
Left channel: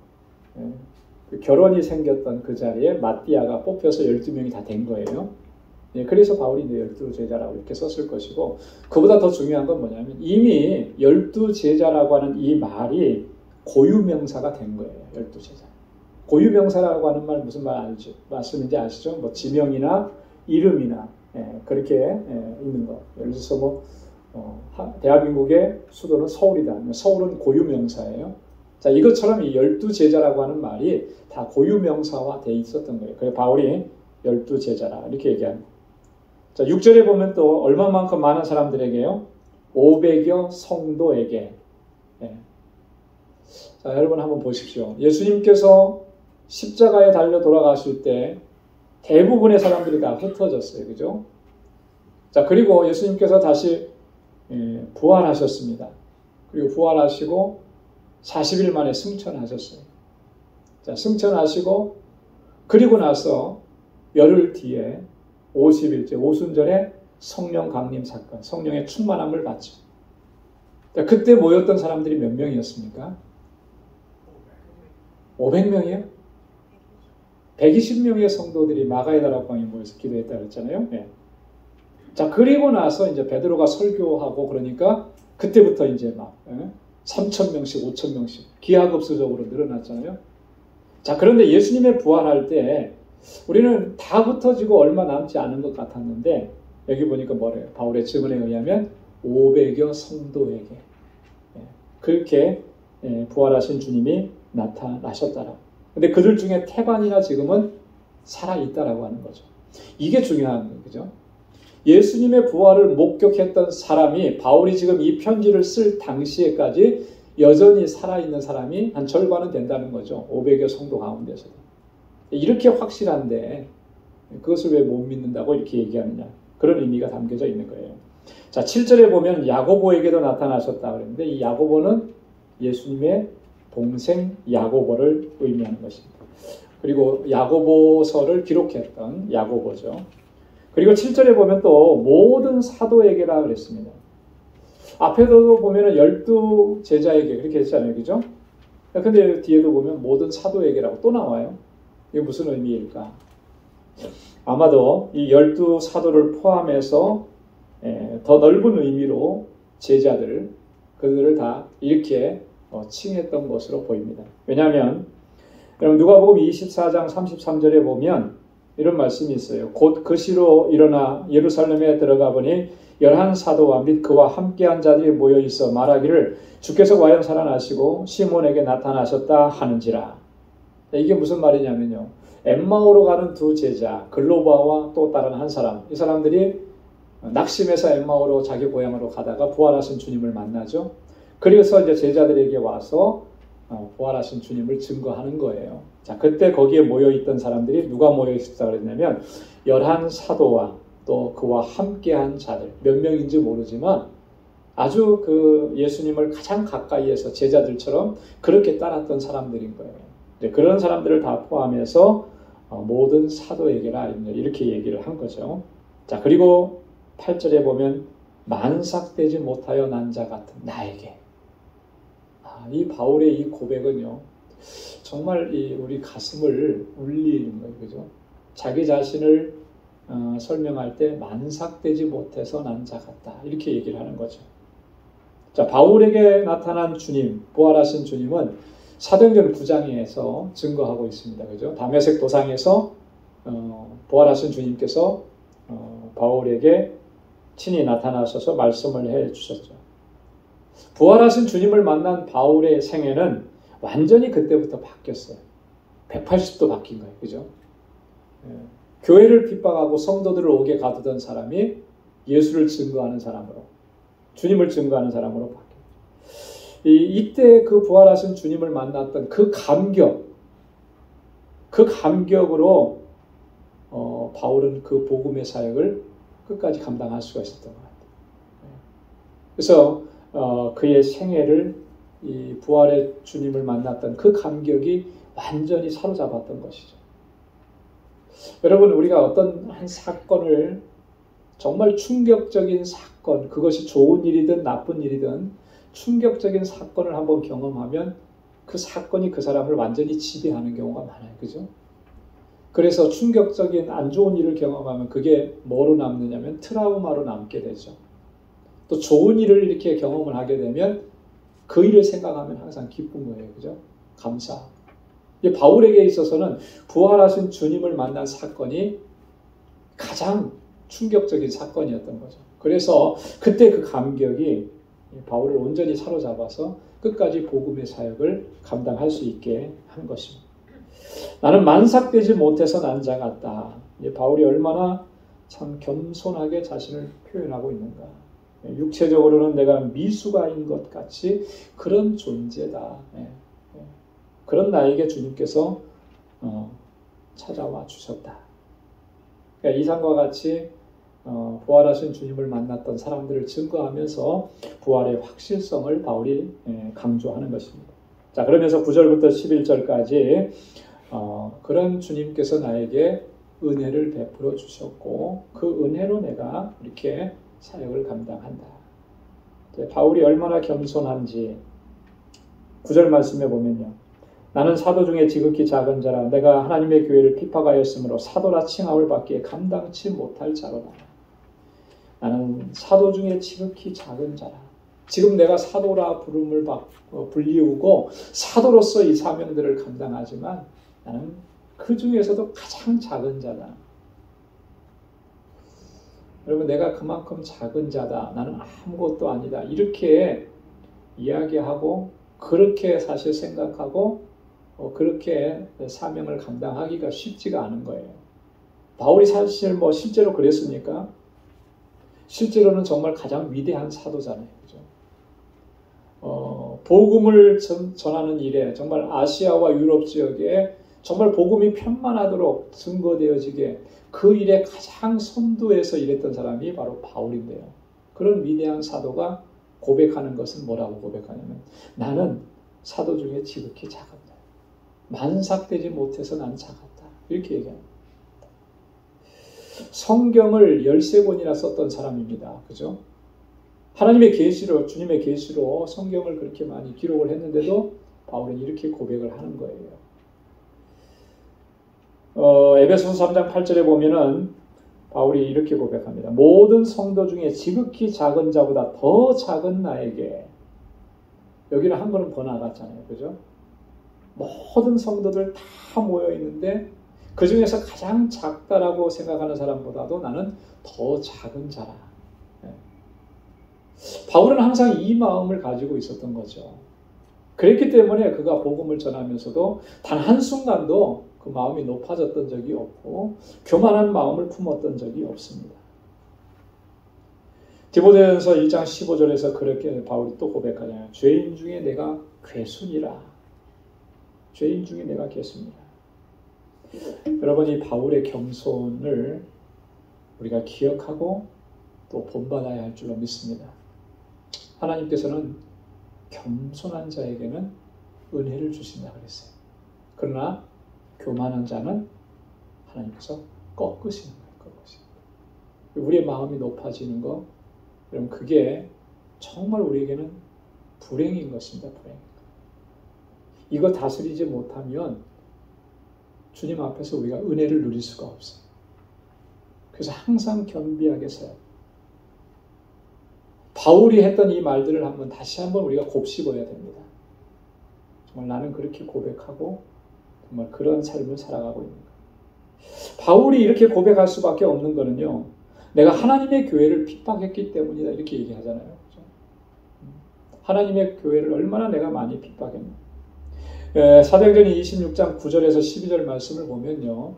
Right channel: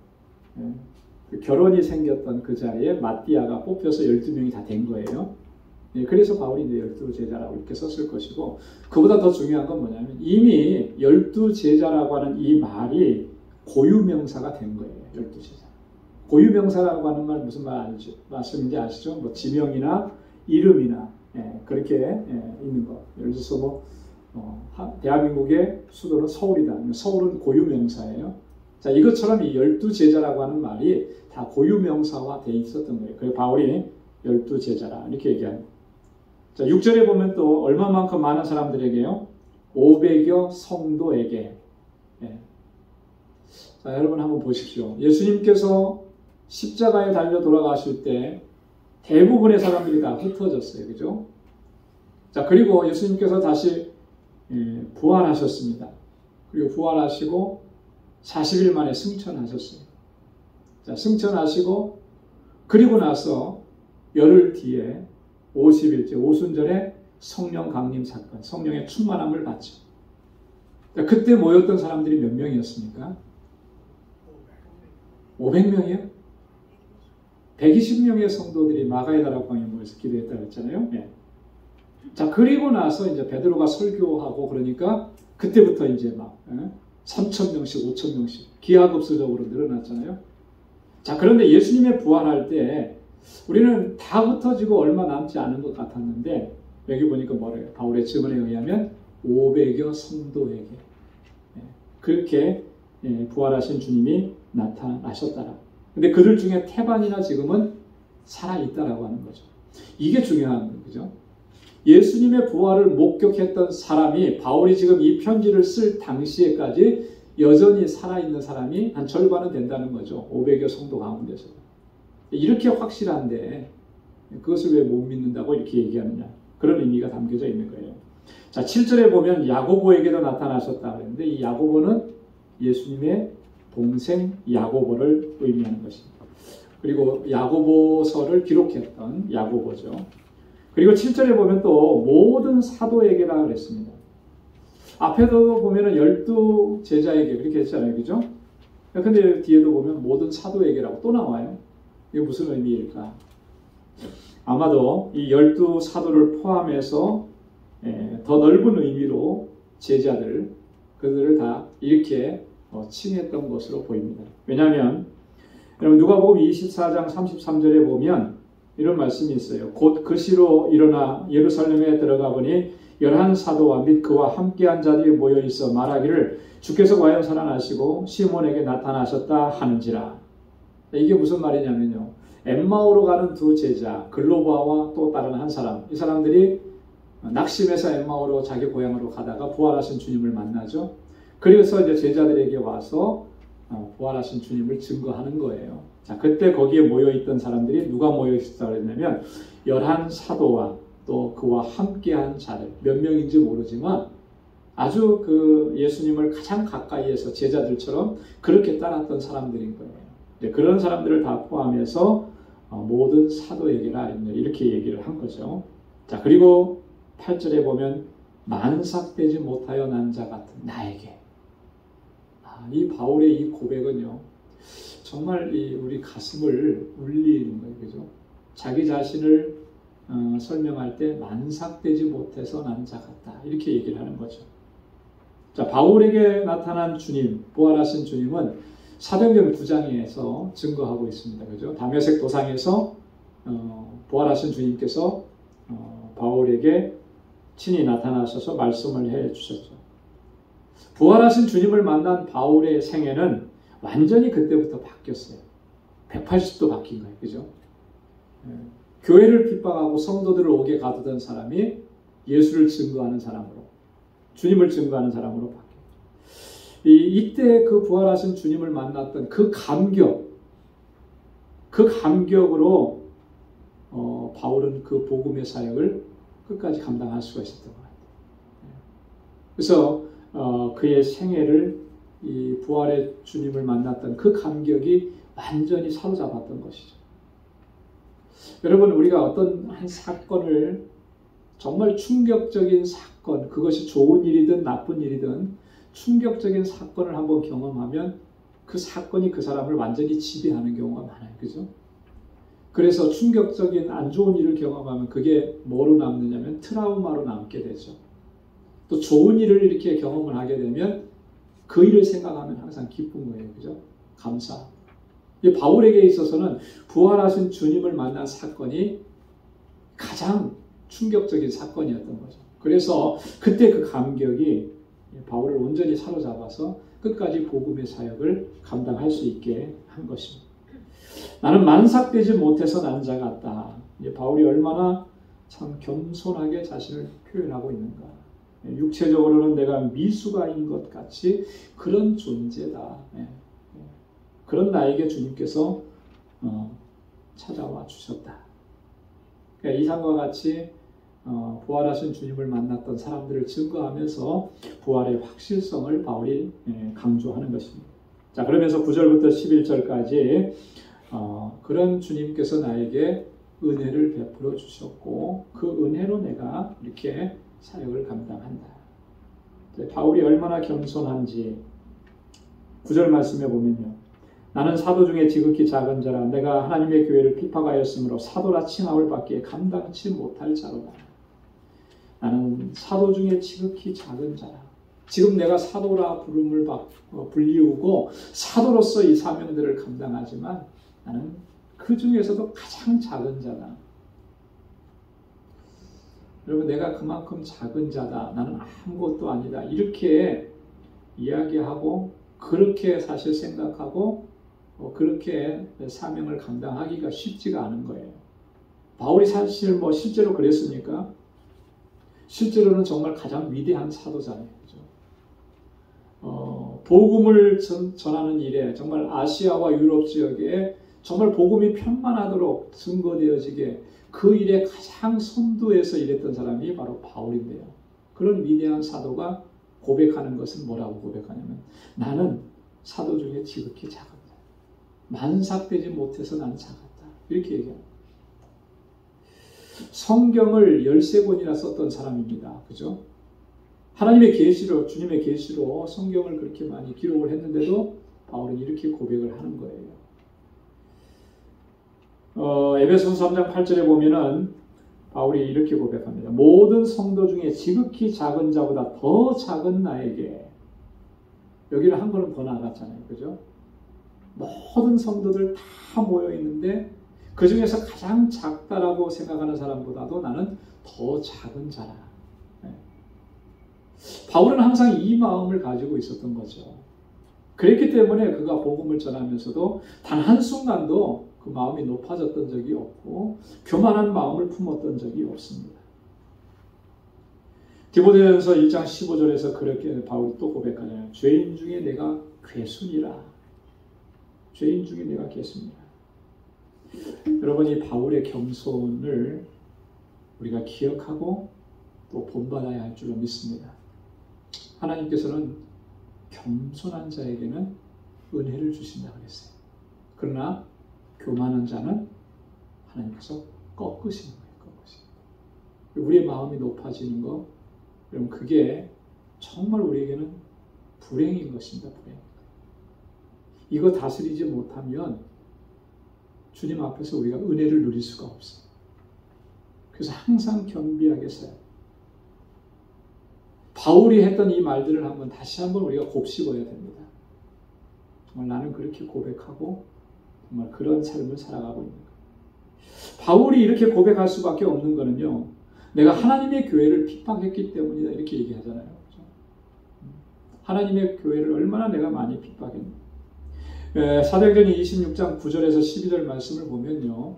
결혼이 생겼던 그 자리에 마띠아가 뽑혀서 12명이 다 된 거예요. 그래서 바울이 이제 12제자라고 이렇게 썼을 것이고, 그보다 더 중요한 건 뭐냐면 이미 12제자라고 하는 이 말이 고유명사가 된 거예요. 12제자. 고유명사라고 하는 말 무슨 말씀인지 아시죠? 뭐 지명이나 이름이나 그렇게 있는 거. 예를 들어서 대한민국의 수도는 서울이다. 서울은 고유명사예요. 자, 이것처럼 이 12제자라고 하는 말이 다 고유명사화 돼 있었던 거예요. 그래서 바울이 12제자라 이렇게 얘기합니다. 자, 6절에 보면 또 얼마만큼 많은 사람들에게요? 500여 성도에게. 자, 여러분 한번 보십시오. 예수님께서 십자가에 달려 돌아가실 때 대부분의 사람들이 다 흩어졌어요. 그죠? 자, 그리고 예수님께서 다시 부활하셨습니다. 그리고 부활하시고 40일 만에 승천하셨어요. 자, 승천하시고 그리고 나서 열흘 뒤에 50일째 오순절에 성령 강림 사건, 성령의 충만함을 받죠. 자, 그때 모였던 사람들이 몇 명이었습니까? 500명이요? 120명의 성도들이 마가이다라고 방에 모여서 기도했다고 했잖아요. 자, 그리고 나서 이제 베드로가 설교하고 그러니까 그때부터 이제 막 3,000명씩, 5,000명씩 기하급수적으로 늘어났잖아요. 자, 그런데 예수님의 부활할 때 우리는 다 흩어지고 얼마 남지 않은 것 같았는데 여기 보니까 뭐래요? 바울의 증언에 의하면 500여 성도에게 그렇게 부활하신 주님이 나타나셨다라고. 근데 그들 중에 태반이나 지금은 살아있다라고 하는 거죠. 이게 중요한 거예요. 그죠? 예수님의 부활을 목격했던 사람이 바울이 지금 이 편지를 쓸 당시에까지 여전히 살아있는 사람이 한 절반은 된다는 거죠. 500여 성도 가운데서. 이렇게 확실한데 그것을 왜 못 믿는다고 이렇게 얘기하느냐. 그런 의미가 담겨져 있는 거예요. 자, 7절에 보면 야고보에게도 나타나셨다 그랬는데 이 야고보는 예수님의 동생 야고보를 의미하는 것입니다. 그리고 야고보서를 기록했던 야고보죠. 그리고 7절에 보면 또 모든 사도에게라 그랬습니다. 앞에도 보면 12제자에게 그렇게 했잖아요. 그죠? 근데 뒤에도 보면 모든 사도에게라고 또 나와요. 이게 무슨 의미일까? 아마도 이 12사도를 포함해서 더 넓은 의미로 제자들, 그들을 다 이렇게 칭했던 것으로 보입니다. 왜냐하면 여러분 누가복음 24장 33절에 보면 이런 말씀이 있어요. 곧 그 시로 일어나 예루살렘에 들어가 보니 열한 사도와 및 그와 함께한 자들이 모여 있어 말하기를 주께서 과연 살아나시고 시몬에게 나타나셨다 하는지라. 이게 무슨 말이냐면요. 엠마오로 가는 두 제자 글로바와 또 다른 한 사람, 이 사람들이 낙심해서 엠마오로 자기 고향으로 가다가 부활하신 주님을 만나죠. 그래서 이제 제자들에게 와서 부활하신 주님을 증거하는 거예요. 자, 그때 거기에 모여있던 사람들이 누가 모여있었다고 그랬냐면 열한 사도와 또 그와 함께한 자들, 몇 명인지 모르지만 아주 그 예수님을 가장 가까이에서 제자들처럼 그렇게 따랐던 사람들인 거예요. 그런 사람들을 다 포함해서 모든 사도에게라 이렇게 얘기를 한 거죠. 자, 그리고 8절에 보면 만삭되지 못하여 난 자 같은 나에게. 이 바울의 이 고백은요, 정말 우리 가슴을 울리는 거예요. 그죠? 자기 자신을 설명할 때 만삭되지 못해서 난 자 같다. 이렇게 얘기를 하는 거죠. 자, 바울에게 나타난 주님, 부활하신 주님은 사도행전 9장에서 증거하고 있습니다. 그죠? 다메섹 도상에서 부활하신 주님께서 바울에게 친히 나타나셔서 말씀을 해 주셨죠. 부활하신 주님을 만난 바울의 생애는 완전히 그때부터 바뀌었어요. 180도 바뀐 거예요. 그죠? 교회를 핍박하고 성도들을 옥에 가두던 사람이 예수를 증거하는 사람으로, 주님을 증거하는 사람으로 바뀌어요. 이때 그 부활하신 주님을 만났던 그 감격으로 바울은 그 복음의 사역을 끝까지 감당할 수가 있었던 것 같아요. 그래서 그의 생애를 이 부활의 주님을 만났던 그 감격이 완전히 사로잡았던 것이죠. 여러분, 우리가 어떤 한 사건을, 정말 충격적인 사건, 그것이 좋은 일이든 나쁜 일이든 충격적인 사건을 한번 경험하면 그 사건이 그 사람을 완전히 지배하는 경우가 많아요. 그죠? 그래서 충격적인 안 좋은 일을 경험하면 그게 뭐로 남느냐면 트라우마로 남게 되죠. 또 좋은 일을 이렇게 경험을 하게 되면 그 일을 생각하면 항상 기쁜 거예요. 그죠? 감사. 바울에게 있어서는 부활하신 주님을 만난 사건이 가장 충격적인 사건이었던 거죠. 그래서 그때 그 감격이 바울을 온전히 사로잡아서 끝까지 복음의 사역을 감당할 수 있게 한 것입니다. 나는 만삭되지 못해서 난 자 같다. 바울이 얼마나 참 겸손하게 자신을 표현하고 있는가. 육체적으로는 내가 미수가인 것 같이 그런 존재다. 그런 나에게 주님께서 찾아와 주셨다. 그러니까 이상과 같이 부활하신 주님을 만났던 사람들을 증거하면서 부활의 확실성을 바울이 강조하는 것입니다. 자, 그러면서 9절부터 11절까지 그런 주님께서 나에게 은혜를 베풀어 주셨고 그 은혜로 내가 이렇게 사역을 감당한다. 바울이 얼마나 겸손한지 9절 말씀에 보면요. 나는 사도 중에 지극히 작은 자라 내가 하나님의 교회를 핍박하였으므로 사도라 칭함을 받기에 감당치 못할 자로다. 나는 사도 중에 지극히 작은 자라. 지금 내가 사도라 부름을 불리우고 사도로서 이 사명들을 감당하지만 나는 그 중에서도 가장 작은 자다. 여러분, 내가 그만큼 작은 자다. 나는 아무것도 아니다. 이렇게 이야기하고 그렇게 사실 생각하고 그렇게 사명을 감당하기가 쉽지가 않은 거예요. 바울이 사실 실제로 그랬습니까? 실제로는 정말 가장 위대한 사도잖아요. 그죠? 복음을 전하는 일에 정말 아시아와 유럽 지역에 정말 복음이 편만하도록 증거되어지게 그 일에 가장 선두에서 일했던 사람이 바로 바울인데요. 그런 위대한 사도가 고백하는 것은 뭐라고 고백하냐면 나는 사도 중에 지극히 작았다. 만삭되지 못해서 나는 작았다. 이렇게 얘기합니다. 성경을 13권이나 썼던 사람입니다. 그죠? 하나님의 계시로, 주님의 계시로 성경을 그렇게 많이 기록을 했는데도 바울은 이렇게 고백을 하는 거예요. 에베소서 3장 8절에 보면은 바울이 이렇게 고백합니다. 모든 성도 중에 지극히 작은 자보다 더 작은 나에게. 여기는 한 걸음 더 나갔잖아요. 그죠? 모든 성도들 다 모여 있는데 그 중에서 가장 작다라고 생각하는 사람보다도 나는 더 작은 자라. 바울은 항상 이 마음을 가지고 있었던 거죠. 그랬기 때문에 그가 복음을 전하면서도 단 한순간도 그 마음이 높아졌던 적이 없고 교만한 마음을 품었던 적이 없습니다. 디모데전서 1장 15절에서 그렇게 바울이 또 고백하잖아요. 죄인 중에 내가 괴순이라. 죄인 중에 내가 괴순이라. 여러분, 이 바울의 겸손을 우리가 기억하고 또 본받아야 할 줄로 믿습니다. 하나님께서는 겸손한 자에게는 은혜를 주신다 그랬어요. 그러나 교만한 자는 하나님께서 꺾으시는 거예요. 꺾으시는 거예요. 우리의 마음이 높아지는 거, 그럼 그게 정말 우리에게는 불행인 것입니다. 불행. 이거 다스리지 못하면 주님 앞에서 우리가 은혜를 누릴 수가 없어요. 그래서 항상 겸비하게 서요. 바울이 했던 이 말들을 다시 한번 우리가 곱씹어야 됩니다. 정말 나는 그렇게 고백하고 정말 그런 삶을 살아가고 있는 거예요. 바울이 이렇게 고백할 수밖에 없는 거는요, 내가 하나님의 교회를 핍박했기 때문이다 이렇게 얘기하잖아요. 그렇죠? 하나님의 교회를 얼마나 내가 많이 핍박했는가. 사도행전 26장 9절에서 12절 말씀을 보면요,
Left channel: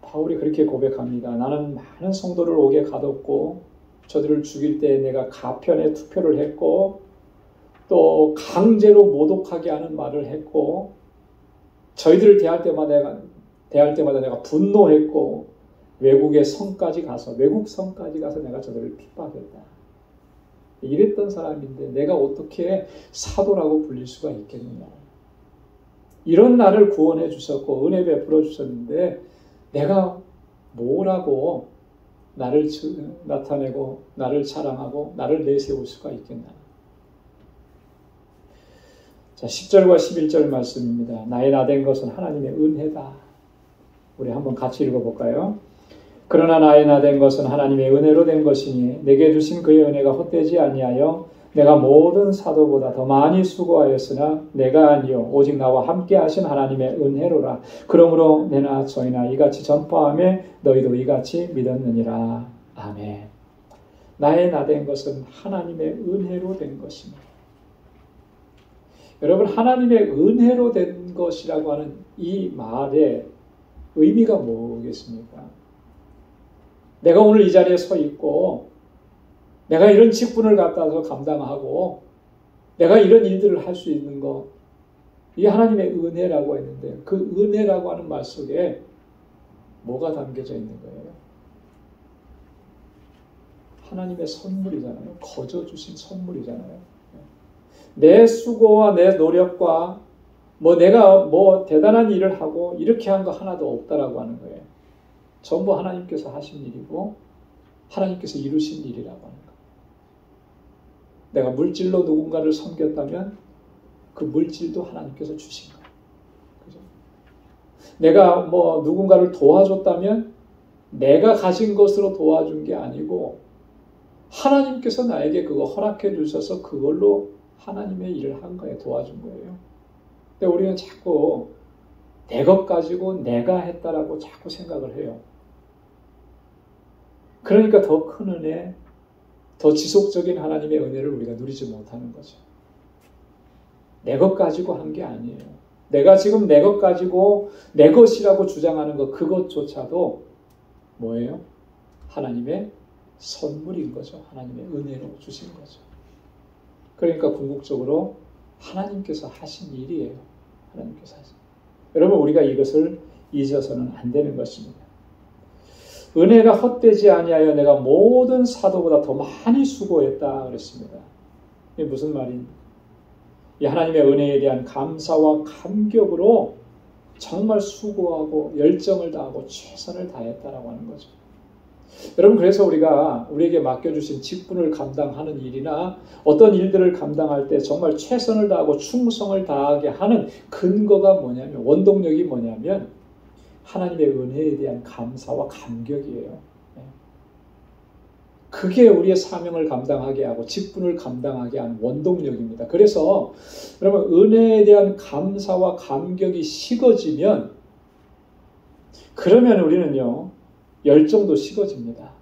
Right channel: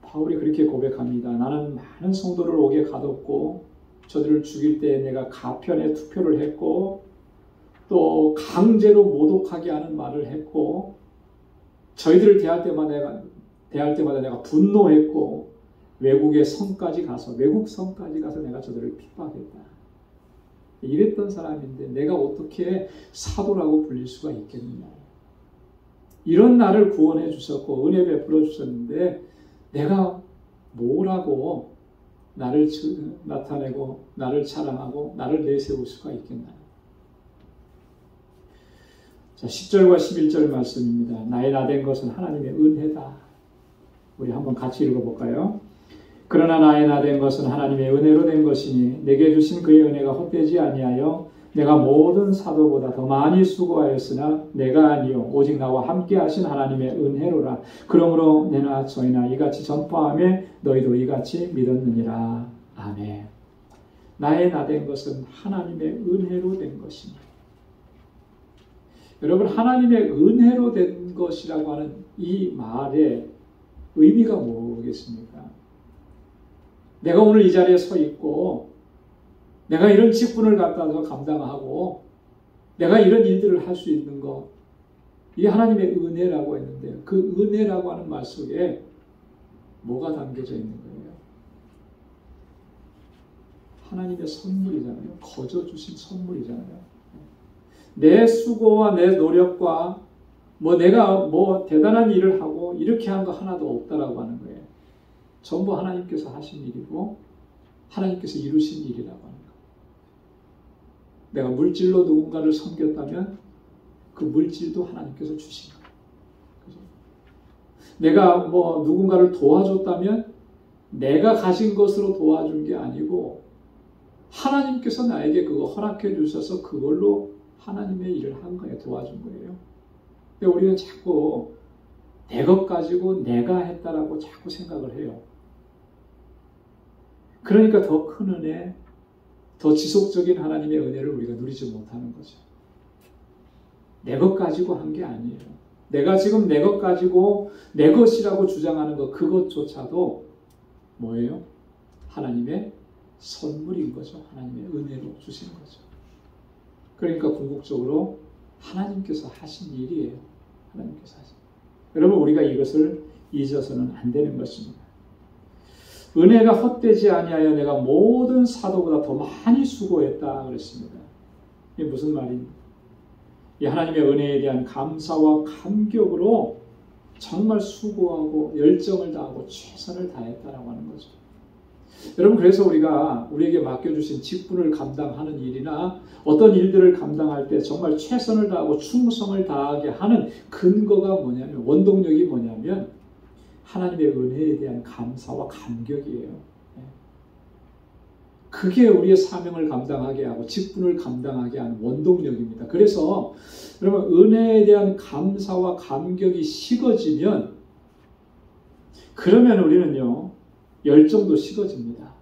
바울이 그렇게 고백합니다. 나는 많은 성도를 옥에 가뒀고 저들을 죽일 때 내가 가편에 투표를 했고 또 강제로 모독하게 하는 말을 했고 저희들을 대할 때마다 내가 분노했고 외국 성까지 가서 내가 저들을 핍박했다. 이랬던 사람인데 내가 어떻게 사도라고 불릴 수가 있겠느냐. 이런 나를 구원해 주셨고 은혜 베풀어 주셨는데 내가 뭐라고 나를 나타내고 나를 자랑하고 나를 내세울 수가 있겠나. 자, 10절과 11절 말씀입니다. 나의 나된 것은 하나님의 은혜다. 우리 한번 같이 읽어볼까요? 그러나 나의 나된 것은 하나님의 은혜로 된 것이니 내게 주신 그의 은혜가 헛되지 아니하여 내가 모든 사도보다 더 많이 수고하였으나 내가 아니요 오직 나와 함께 하신 하나님의 은혜로라. 그러므로 내나 저희나 이같이 전파하며 너희도 이같이 믿었느니라. 아멘. 나의 나된 것은 하나님의 은혜로 된 것이니. 여러분, 하나님의 은혜로 된 것이라고 하는 이 말의 의미가 뭐겠습니까? 내가 오늘 이 자리에 서 있고 내가 이런 직분을 갖다서 감당하고 내가 이런 일들을 할 수 있는 거, 이게 하나님의 은혜라고 했는데 그 은혜라고 하는 말 속에 뭐가 담겨져 있는 거예요? 하나님의 선물이잖아요. 거저 주신 선물이잖아요. 내 수고와 내 노력과 내가 대단한 일을 하고 이렇게 한 거 하나도 없다라고 하는 거예요. 전부 하나님께서 하신 일이고 하나님께서 이루신 일이라고 하는 거예요. 내가 물질로 누군가를 섬겼다면 그 물질도 하나님께서 주신 거예요. 그죠? 내가 누군가를 도와줬다면 내가 가진 것으로 도와준 게 아니고 하나님께서 나에게 그거 허락해 주셔서 그걸로 하나님의 일을 한 거예요. 도와준 거예요. 근데 우리는 자꾸 내 것 가지고 내가 했다라고 자꾸 생각을 해요. 그러니까 더 큰 은혜, 더 지속적인 하나님의 은혜를 우리가 누리지 못하는 거죠. 내 것 가지고 한 게 아니에요. 내가 지금 내 것 가지고 내 것이라고 주장하는 것, 그것조차도 뭐예요? 하나님의 선물인 거죠. 하나님의 은혜로 주신 거죠. 그러니까 궁극적으로 하나님께서 하신 일이에요. 하나님께서 하신. 여러분, 우리가 이것을 잊어서는 안 되는 것입니다. 은혜가 헛되지 아니하여 내가 모든 사도보다 더 많이 수고했다 그랬습니다. 이게 무슨 말입니까? 이 하나님의 은혜에 대한 감사와 감격으로 정말 수고하고 열정을 다하고 최선을 다했다라고 하는 거죠. 여러분, 그래서 우리에게 맡겨주신 직분을 감당하는 일이나 어떤 일들을 감당할 때 정말 최선을 다하고 충성을 다하게 하는 근거가 뭐냐면, 원동력이 뭐냐면 하나님의 은혜에 대한 감사와 감격이에요. 그게 우리의 사명을 감당하게 하고 직분을 감당하게 하는 원동력입니다. 그래서 여러분, 은혜에 대한 감사와 감격이 식어지면 그러면 우리는요, 열정도 식어집니다.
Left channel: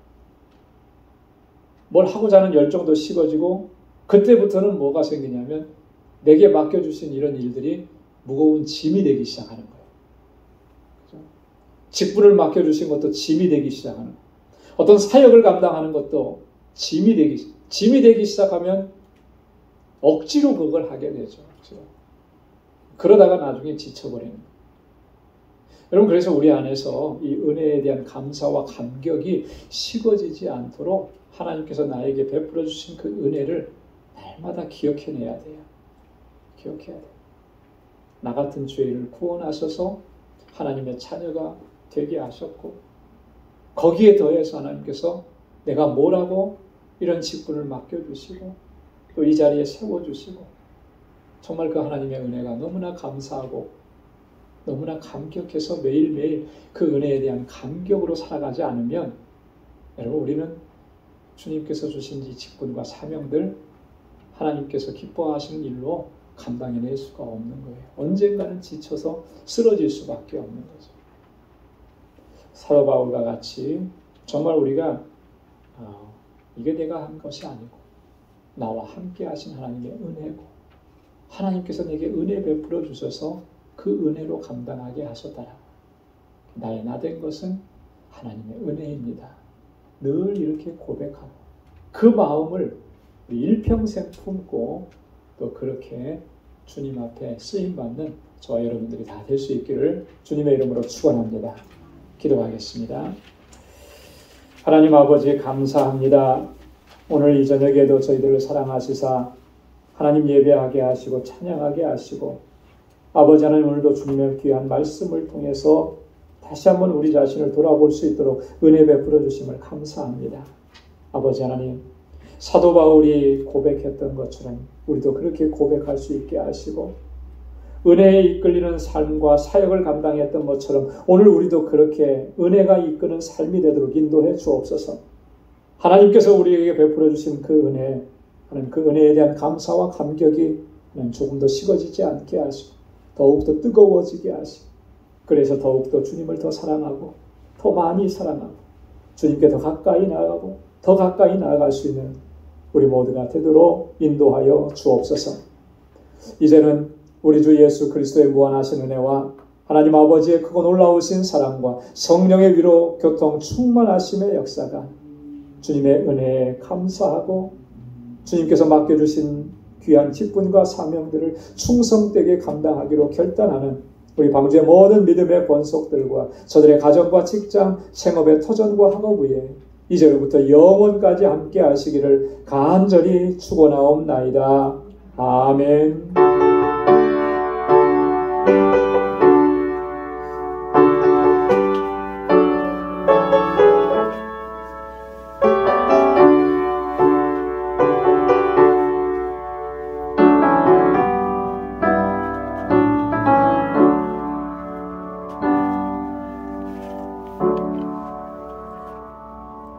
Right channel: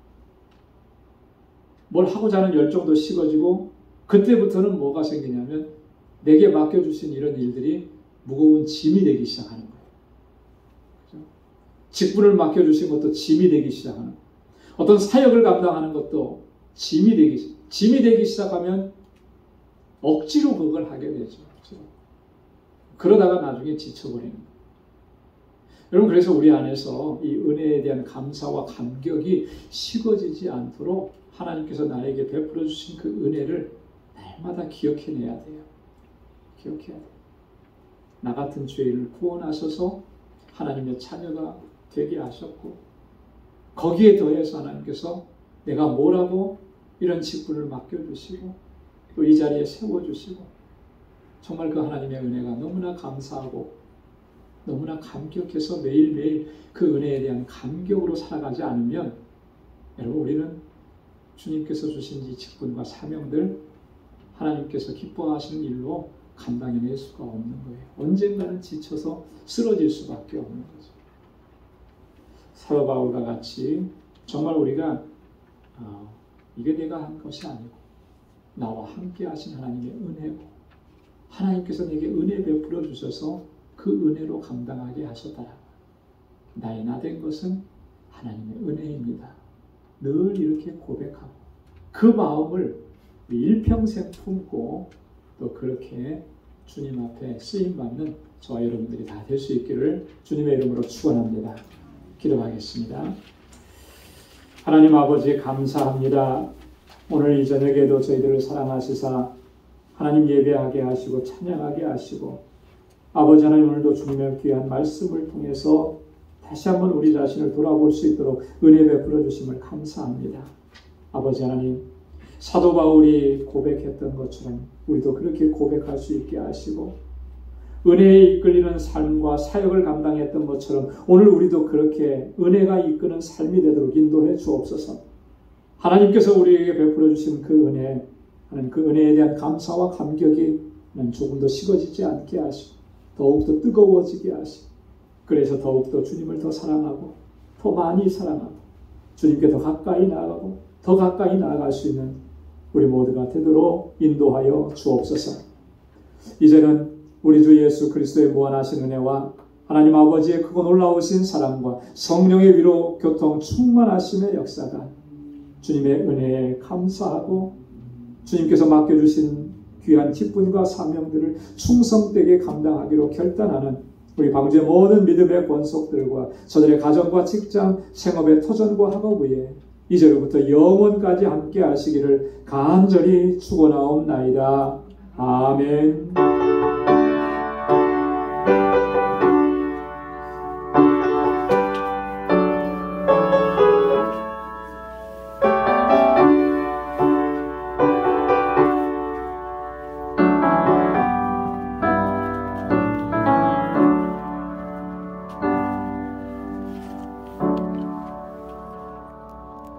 뭘 하고자 하는 열정도 식어지고 그때부터는 뭐가 생기냐면 내게 맡겨주신 이런 일들이 무거운 짐이 되기 시작하는 거예요. 그죠? 직분을 맡겨주신 것도 짐이 되기 시작하는 거예요. 어떤 사역을 감당하는 것도 짐이 되기 시작하면 억지로 그걸 하게 되죠. 억지로. 그러다가 나중에 지쳐버리는 거예요. 여러분, 그래서 우리 안에서 이 은혜에 대한 감사와 감격이 식어지지 않도록 하나님께서 나에게 베풀어 주신 그 은혜를 날마다 기억해내야 돼요. 기억해야 돼요. 나 같은 죄인을 구원하셔서 하나님의 자녀가 되게 하셨고 거기에 더해서 하나님께서 내가 뭐라고 이런 직분을 맡겨주시고 또 이 자리에 세워주시고 정말 그 하나님의 은혜가 너무나 감사하고 너무나 감격해서 매일매일 그 은혜에 대한 감격으로 살아가지 않으면 여러분, 우리는 주님께서 주신 이 직분과 사명들 하나님께서 기뻐하시는 일로 감당해낼 수가 없는 거예요. 언젠가는 지쳐서 쓰러질 수밖에 없는 거죠. 사도 바울과 같이 정말 우리가 이게 내가 한 것이 아니고 나와 함께 하신 하나님의 은혜고 하나님께서 내게 은혜 베풀어 주셔서 그 은혜로 감당하게 하셨다라고. 나의 나 된 것은 하나님의 은혜입니다. 늘 이렇게 고백하고 그 마음을 일평생 품고 또 그렇게 주님 앞에 쓰임받는 저와 여러분들이 다 될 수 있기를 주님의 이름으로 축원합니다. 기도하겠습니다. 하나님 아버지, 감사합니다. 오늘 이 저녁에도 저희들을 사랑하시사 하나님 예배하게 하시고 찬양하게 하시고 아버지 하나님, 오늘도 주님의 귀한 말씀을 통해서 다시 한번 우리 자신을 돌아볼 수 있도록 은혜 베풀어 주심을 감사합니다. 아버지 하나님, 사도 바울이 고백했던 것처럼 우리도 그렇게 고백할 수 있게 하시고 은혜에 이끌리는 삶과 사역을 감당했던 것처럼 오늘 우리도 그렇게 은혜가 이끄는 삶이 되도록 인도해 주옵소서. 하나님께서 우리에게 베풀어 주신 그 은혜, 하나님 그 은혜에 대한 감사와 감격이 하나님 조금 더 식어지지 않게 하시고 더욱더 뜨거워지게 하시고 그래서 더욱더 주님을 더 사랑하고 더 많이 사랑하고 주님께 더 가까이 나아가고 더 가까이 나아갈 수 있는 우리 모두가 되도록 인도하여 주옵소서. 이제는 우리 주 예수 그리스도의 무한하신 은혜와 하나님 아버지의 크고 놀라우신 사랑과 성령의 위로 교통 충만하심의 역사가 주님의 은혜에 감사하고 주님께서 맡겨주신 귀한 직분과 사명들을 충성되게 감당하기로 결단하는 우리 방주의 모든 믿음의 권속들과 저들의 가정과 직장, 생업의 터전과 학업 위에 이제로부터 영원까지 함께 하시기를 간절히 축원하옵나이다. 아멘.